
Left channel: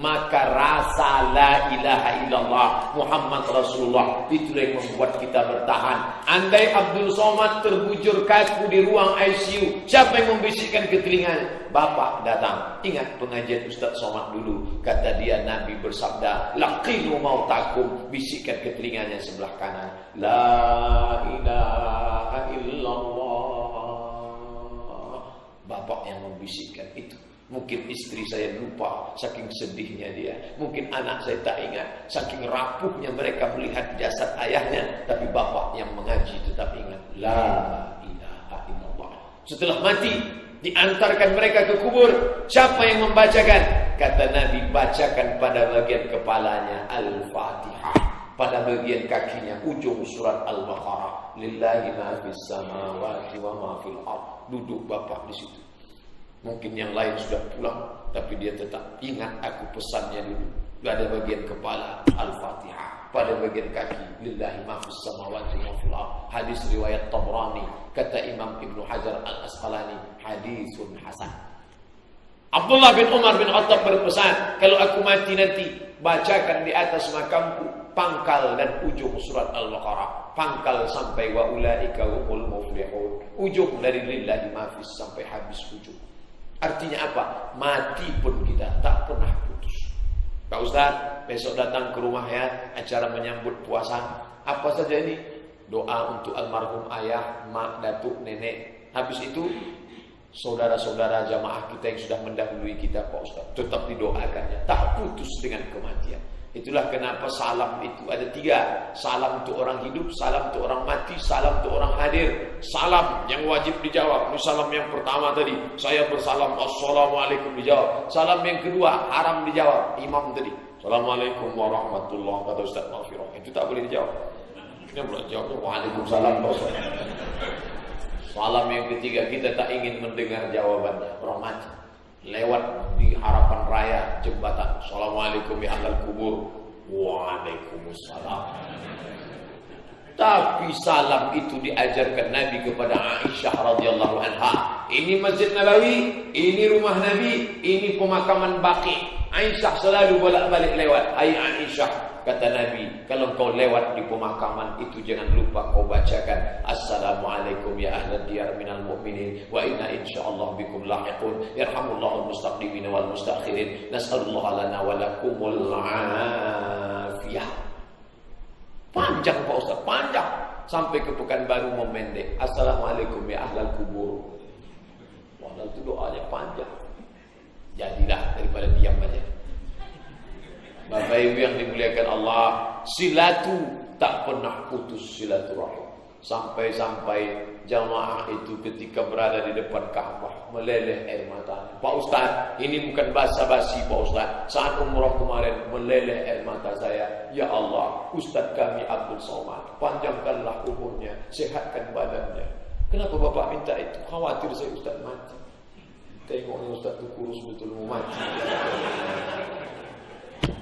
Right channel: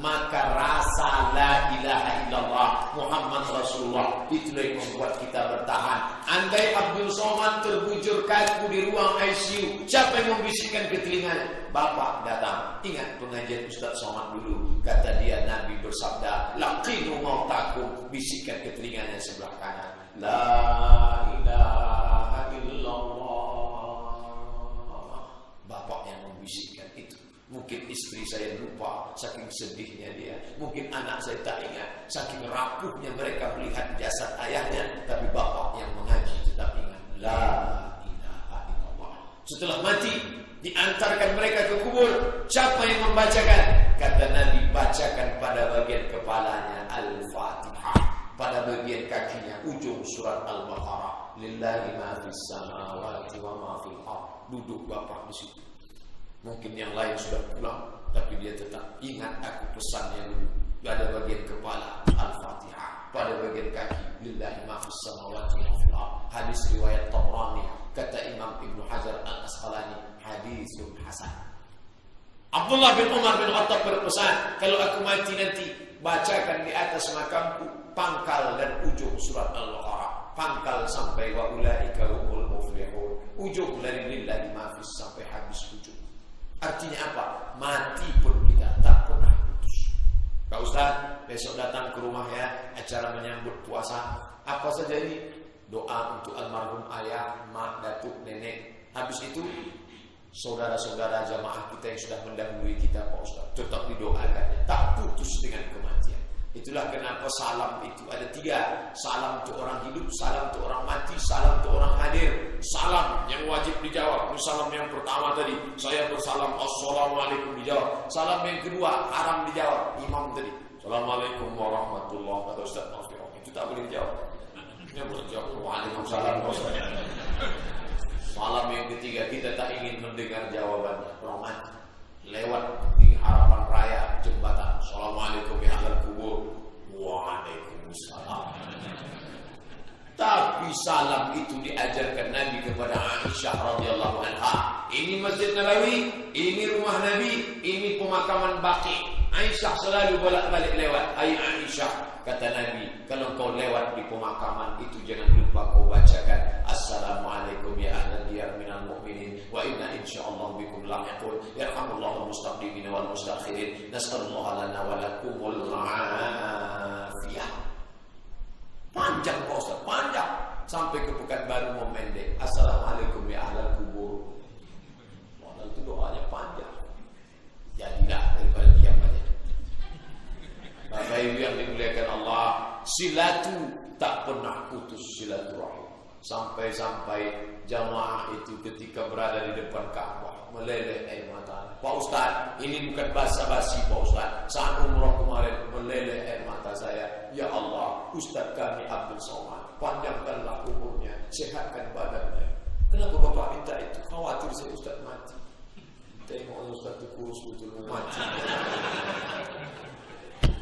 maka rasa la ilaha illallah Muhammad Rasulullah itulah yang membuat kita bertahan. Andai Abdul Somad terbujur kaku di ruang ICU, siapa yang membisikkan ke telinganya? Bapak datang. Ingat pengajian Ustaz Somad dulu, kata dia Nabi bersabda, laqinu mautakum, bisikkan ke telinganya sebelah kanan, la ilaha illallah. Bapak yang membisikkan itu. Mungkin istri saya lupa, saking sedihnya dia. Mungkin anak saya tak ingat, saking rapuhnya mereka melihat jasad ayahnya. Tapi bapak yang mengaji tetap ingat, la ilaha illallah. Setelah mati, diantarkan mereka ke kubur. Siapa yang membacakan? Kata Nabi, bacakan pada bagian kepalanya Al-Fatihah, pada bagian kakinya ujung surat Al-Baqarah, lillahi ma fis samawati wa ma fil ardh. Duduk bapak di situ. Mungkin yang lain sudah pulang, tapi dia tetap ingat aku pesannya dulu. Pada bagian kepala Al-Fatihah, pada bagian kaki lillahi ma fis samawati wa fil ardh. Hadis riwayat Tabrani, kata Imam Ibnu Hajar Al-Asqalani, hadisun hasan. Abdullah bin Umar bin Khattab berpesan, kalau aku mati nanti, bacakan di atas makamku pangkal dan ujung surat Al-Baqarah. Pangkal sampai wa ulaika humul muflihun. Ujung dari lillahi ma fis sampai habis ujung. Artinya apa? Mati pun kita tak pernah putus. Pak Ustaz, besok datang ke rumah ya, acara menyambut puasa. Apa saja ini? Doa untuk almarhum ayah, mak, datuk, nenek. Habis itu saudara-saudara jamaah kita yang sudah mendahului kita, Pak Ustaz, tetap didoakannya, tak putus dengan kematian. Itulah kenapa salam itu ada 3. Salam untuk orang hidup, salam untuk orang mati, salam untuk orang hadir. Salam yang wajib dijawab. Ini salam yang pertama tadi, saya bersalam assalamualaikum, dijawab. Salam yang kedua haram dijawab. Imam tadi, assalamualaikum warahmatullahi, kata Ustaz Mafiroh, itu tak boleh dijawab. Ini boleh jawab waalaikumsalam. Salam yang ketiga kita tak ingin mendengar jawabannya, orang mati. Lewat di harapan raya jembatan, assalamualaikum ya ahlal kubur, waalaikumsalam. Tapi salam itu diajarkan Nabi kepada Aisyah radhiyallahu anha. Ini Masjid Nabawi, ini rumah Nabi, ini pemakaman Baqi. Aisyah selalu bolak-balik lewat. Hai Aisyah, kata Nabi, kalau kau lewat di pemakaman itu jangan lupa kau bacakan assalamualaikum ya ahlal diyar minal mu'minin wa inna insyaallah bikum lahiqun yarhamullahu al-mustaqdimin wal mustakhirin nas'alullah lana wa lakumul afiyah. Panjang Pak Ustaz, panjang sampai ke Pekanbaru mau mendek. Assalamualaikum ya ahlal kubur. Padahal itu doanya panjang. Jadilah daripada diam aja. Bapak Ibu yang dimuliakan Allah, silatu tak pernah putus silaturahim. Sampai-sampai jamaah itu ketika berada di depan Ka'bah meleleh air mata. Pak Ustaz, ini bukan basa-basi Pak Ustaz. Saat umrah kemarin meleleh air mata saya. Ya Allah, Ustaz kami Abdul Somad, panjangkanlah umurnya, sehatkan badannya. Kenapa Bapak minta itu? Khawatir saya Ustaz mati. Tengoknya Ustaz itu kurus betul mau mati.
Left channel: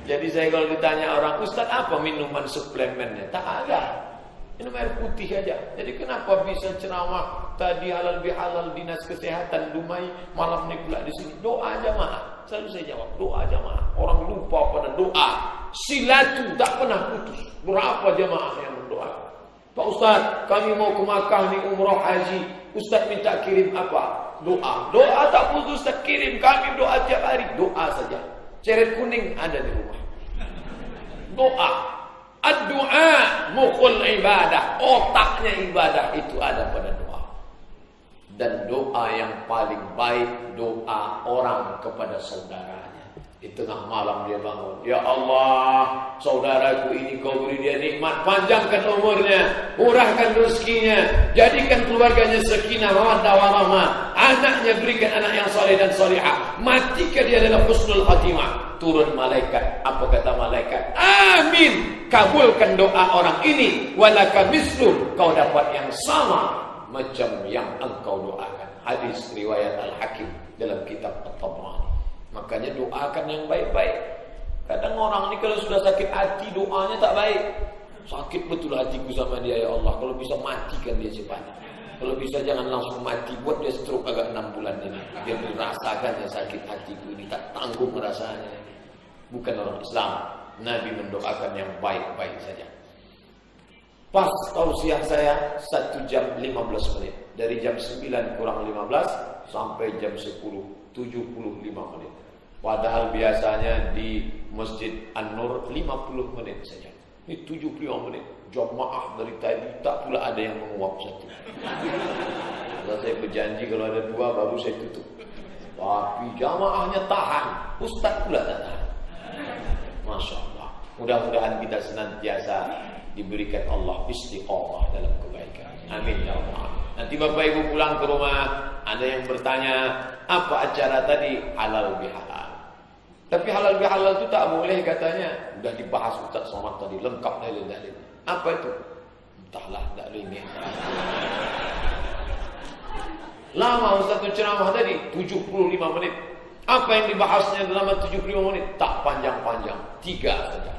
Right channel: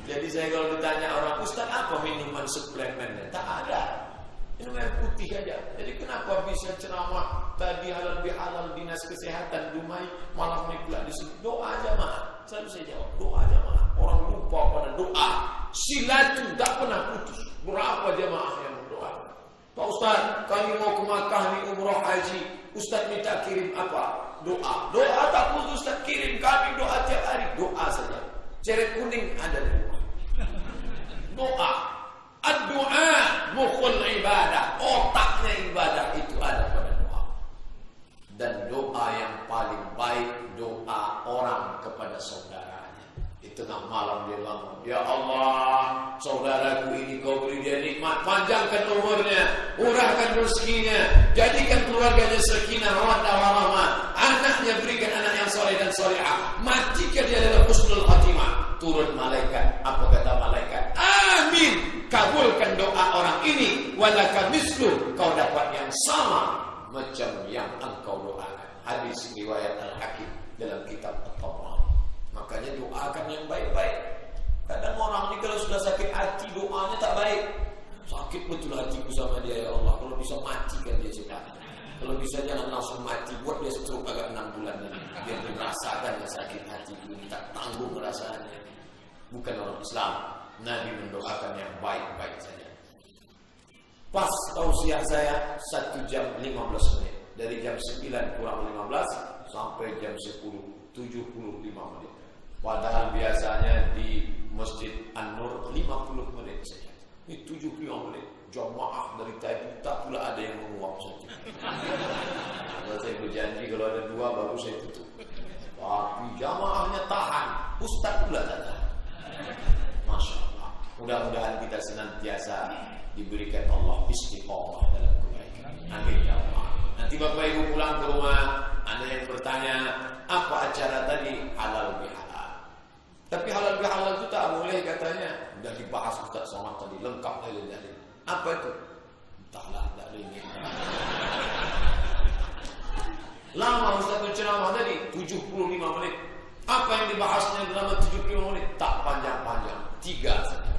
Jadi saya kalau ditanya orang, Ustaz apa minuman suplemennya? Tak ada. Minum air putih aja. Jadi kenapa bisa ceramah tadi halal bihalal dinas kesehatan Dumai, malam ini pula di sini doa jamaah? Selalu saya jawab doa jamaah. Orang lupa pada doa. Silatu tak pernah putus. Berapa jamaah yang berdoa? Pak Ustaz, kami mau ke Makkah nih umrah haji. Ustaz minta kirim apa? Doa. Doa tak putus Ustaz kirim. Kami doa tiap hari. Doa saja. Ceret kuning ada di rumah. Doa. Ad-du'a mukhul ibadah. Otaknya ibadah itu ada pada doa. Dan doa yang paling baik doa orang kepada saudaranya. Di tengah malam dia bangun, ya Allah, saudaraku ini kau beri dia nikmat, panjangkan umurnya, murahkan rezekinya, jadikan keluarganya sakinah mawaddah warahmah, anaknya berikan anak yang saleh dan salihah, matikan dia dalam husnul khatimah. Turun malaikat, apa kata malaikat? Amin, kabulkan doa orang ini, walaka mislu, kau dapat yang sama macam yang engkau doakan. Hadis riwayat Al-Hakim dalam kitab At-Tabrani. Makanya doakan yang baik-baik. Kadang orang ini kalau sudah sakit hati doanya tak baik. Sakit betul hatiku sama dia ya Allah, kalau bisa matikan dia cepat. Kalau bisa jangan langsung mati, buat dia stroke agak 6 bulan ini. Dia merasakan ya sakit hatiku ini, tak tanggung rasanya. Bukan orang Islam. Nabi mendoakan yang baik-baik saja. Pas tausiah saya 1 jam 15 menit. Dari jam 9 kurang 15 sampai jam 10, 75 menit. Padahal biasanya di Masjid An-Nur 50 menit saja. Ini 75 menit. Jamaah dari tadi tak pula ada yang menguap satu. Kalau saya berjanji kalau ada 2 baru saya tutup. Tapi jamaahnya tahan. Ustaz pula tak tahan. Masya Allah. Mudah-mudahan kita senantiasa diberikan Allah istiqamah dalam kebaikan. Amin ya Allah. Nanti Bapak Ibu pulang ke rumah, ada yang bertanya, apa acara tadi? Halal bihalal. Tapi halal bihalal itu tak boleh katanya. Sudah dibahas Ustaz Somad tadi, lengkap dalil-dalil. Apa itu? Entahlah, tak ada ini. Lama Ustaz ceramah tadi, 75 menit. Apa yang dibahasnya dalam 75 menit? Tak panjang-panjang, 3 saja.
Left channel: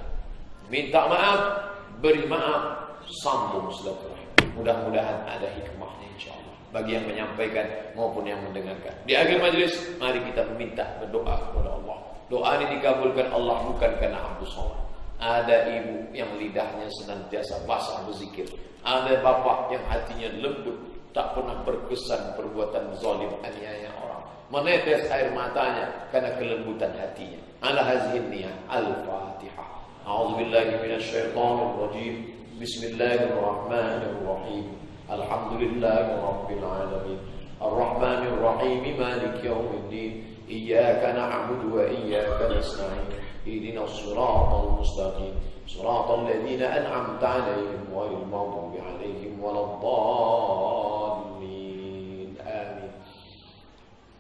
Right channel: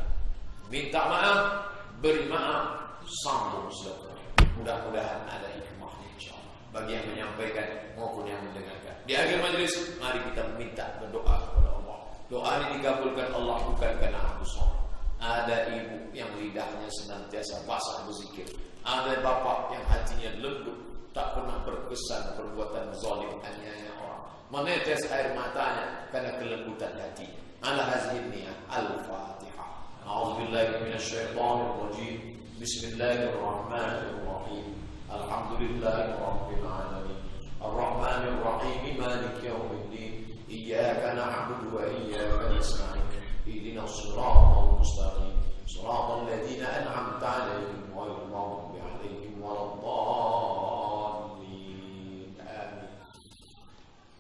Minta maaf, beri maaf, sambung silaturahim. Mudah-mudahan ada hikmahnya insyaallah bagi yang menyampaikan maupun yang mendengarkan. Di akhir majlis, mari kita meminta berdoa kepada Allah. Doa ini dikabulkan Allah bukan karena Abdul Somad. Ada ibu yang lidahnya senantiasa basah berzikir. Ada bapak yang hatinya lembut, tak pernah berkesan perbuatan zalim aniaya orang. Menetes air matanya karena kelembutan hatinya. Ala hazihin niyah. Al-Fatihah. A'udzubillahi minasyaitonir rajim. Bismillahirrahmanirrahim. Alhamdulillahi rabbil alamin. Ar-Rahmanir Rahim. Maliki yaumiddin. Iyyaka na'budu wa iyyaka nasta'in. Ihdinas siratal mustaqim. Siratal ladzina an'amta 'alaihim ghairil maghdubi 'alaihim waladdallin. Amin.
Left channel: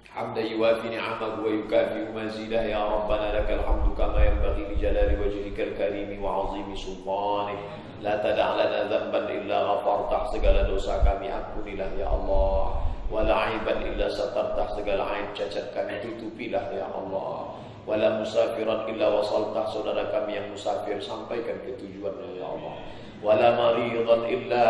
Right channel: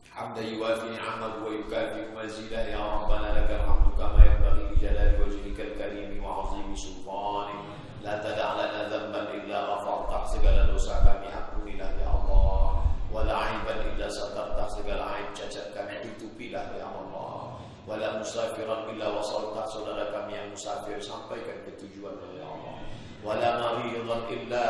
Hamdan yuwafi ni'amahu wa yukafi mazidah. Ya Rabbana lakal hamdu kama yanbaghi li jalali wajhikal karim wa 'azimi sultanik. La tada' lana dhanban illa ghafartah. Segala dosa kami ampunilah ya Allah. Wala aiban illa satartah. Segala aib cacat kami tutupilah ya Allah. Wala musafiran illa wasaltah. Saudara kami yang musafir sampaikan ke tujuannya ya Allah. Wala maridan illa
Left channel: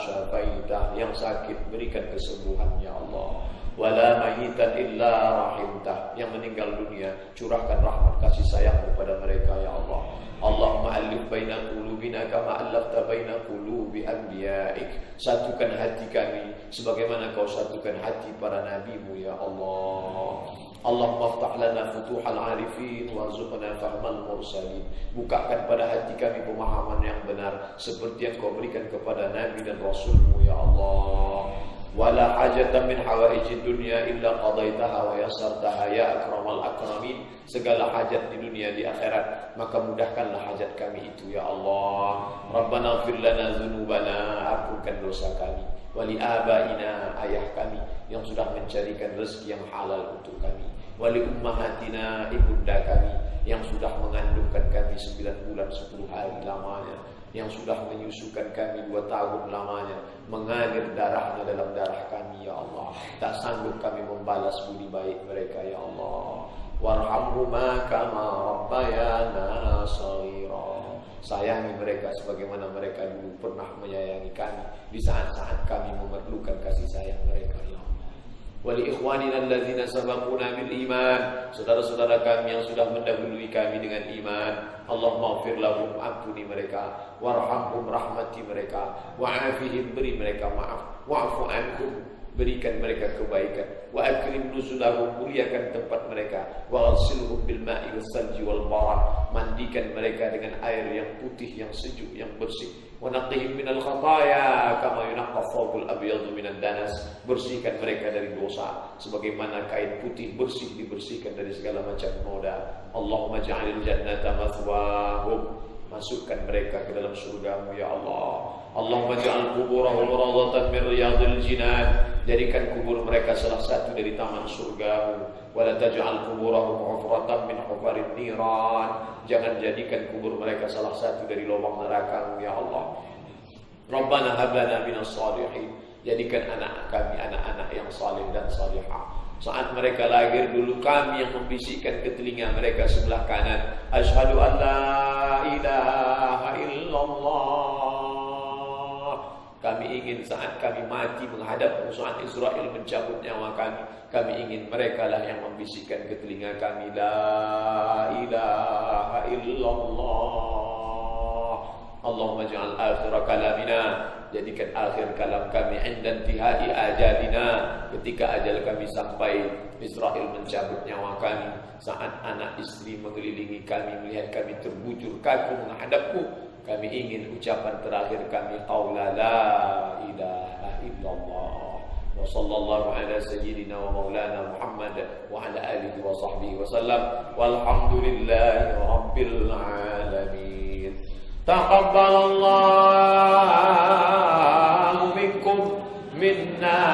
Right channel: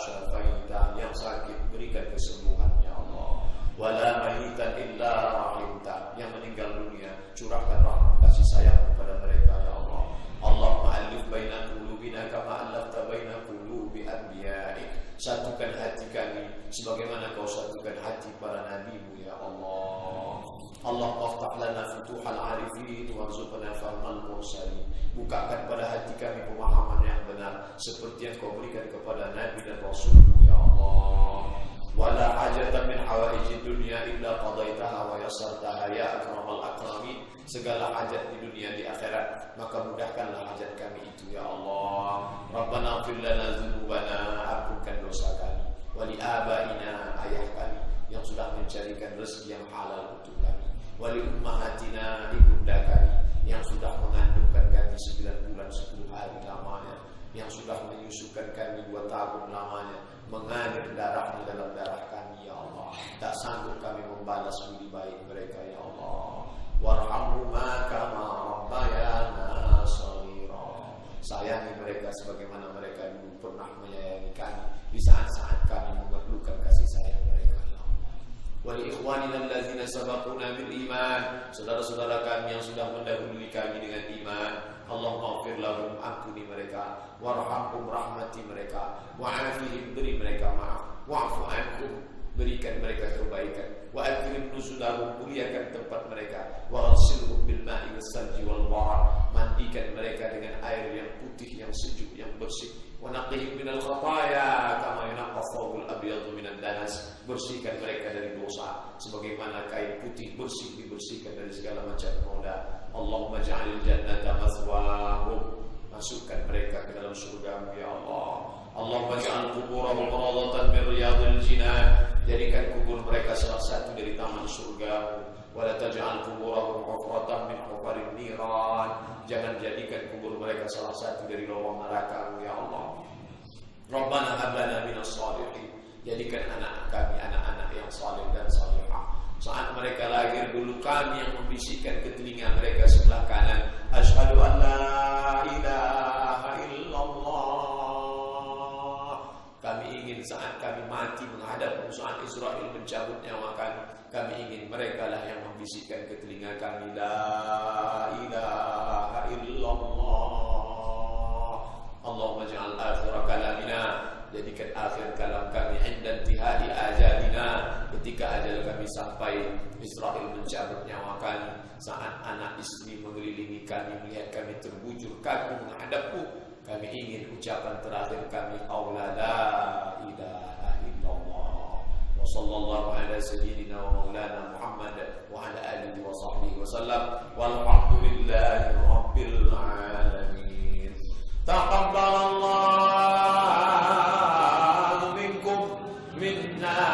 syafaitah. Yang sakit berikan kesembuhan ya Allah. Wala mayitan illa rahimtah. Yang meninggal dunia curahkan rahmat kasih sayang kepada mereka ya Allah. Allahumma alif baina qulubina kama allafta baina qulubi anbiya'ik. Satukan hati kami sebagaimana kau satukan hati para nabimu ya Allah. Allahumma aftah lana futuhal arifin warzuqna fahmal mursalin. Bukakan pada hati kami pemahaman yang benar seperti yang kau berikan kepada nabi dan rasulmu ya Allah. Wala hajatan min hawaijid dunya illa qadaitaha wa yassartaha ya akramal akramin. Segala hajat di dunia di akhirat maka mudahkanlah hajat kami itu ya Allah. Rabbana ighfir lana dzunubana. Ampunkan dosa kami. Wali abaina, ayah kami yang sudah mencarikan rezeki yang halal untuk kami. Wali ummahatina, ibunda kami yang sudah mengandungkan kami 9 bulan 10 hari lamanya, yang sudah menyusukan kami 2 tahun lamanya, mengalir darahnya dalam darah kami ya Allah. Tak sanggup kami membalas budi baik mereka ya Allah. Warhamhuma kama rabbayana shaghira. Sayangi mereka sebagaimana mereka dulu pernah menyayangi kami di saat-saat kami memerlukan kasih sayang mereka ya Allah. Wali ikhwanina allazina sabaquna bil iman. Saudara-saudara kami yang sudah mendahului kami dengan iman, Allahumma ighfir lahum, ampuni mereka. Warhamhum, rahmati mereka. Wa'afihim, beri mereka maaf. Wa'fu anhum, berikan mereka kebaikan. Wa akrim nuzulahum, muliakan tempat mereka. Wa ghsilhum bil ma'i wassalji wal barad, mandikan mereka dengan air yang putih, yang sejuk, yang bersih. Wa naqihim minal khataaya kama yunaqqa thawbul abyadu minad danas, bersihkan mereka dari dosa sebagaimana kain putih bersih dibersihkan dari segala macam noda. Allahumma ja'alil jannata mathwahum, masukkan mereka ke dalam surgamu ya Allah. Allahumma ja'al kuburahum rawdatan min riyadil jinan, jadikan kubur mereka salah satu dari taman surgamu. Wala taj'al kuburahum hufratan min hufarin niran, jangan jadikan kubur mereka salah satu dari lubang neraka ya Allah. Rabbana hab lana minas shalihin, jadikan anak kami anak-anak yang saleh dan salihah. Saat mereka lahir dulu kami yang membisikkan ke telinga mereka sebelah kanan, asyhadu an la ilaha illallah Kami ingin saat kami mati menghadap musuh Israel mencabut nyawa kami. Kami ingin mereka lah yang membisikkan ke telinga kami, La ilaha illallah. Allahumma ja'al akhir kalamina, jadikan akhir kalam kami inda intihai ajalina, ketika ajal kami sampai Israel mencabut nyawa kami. Saat anak istri mengelilingi kami, melihat kami terbujur kaku menghadapmu, kami ingin ucapan terakhir kami, qaula la ilaha illallah. Wa sallallahu ala sayyidina wa maulana Muhammad wa ala alihi wa sahbihi wa sallam. Walhamdulillahi rabbil alamin. Taqabbalallahu minkum minna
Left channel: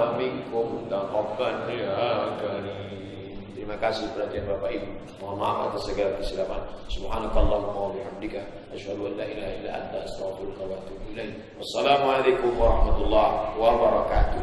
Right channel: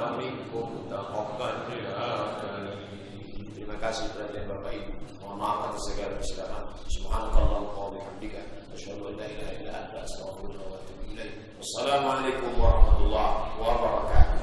wa minkum taqabbal ya karim. Terima kasih perhatian Bapak Ibu. Mohon maaf atas segala kesilapan. Subhanakallahumma wa bihamdika asyhadu an la ilaha illa anta astaghfiruka wa atubu ilaik. Wassalamualaikum warahmatullahi wabarakatuh.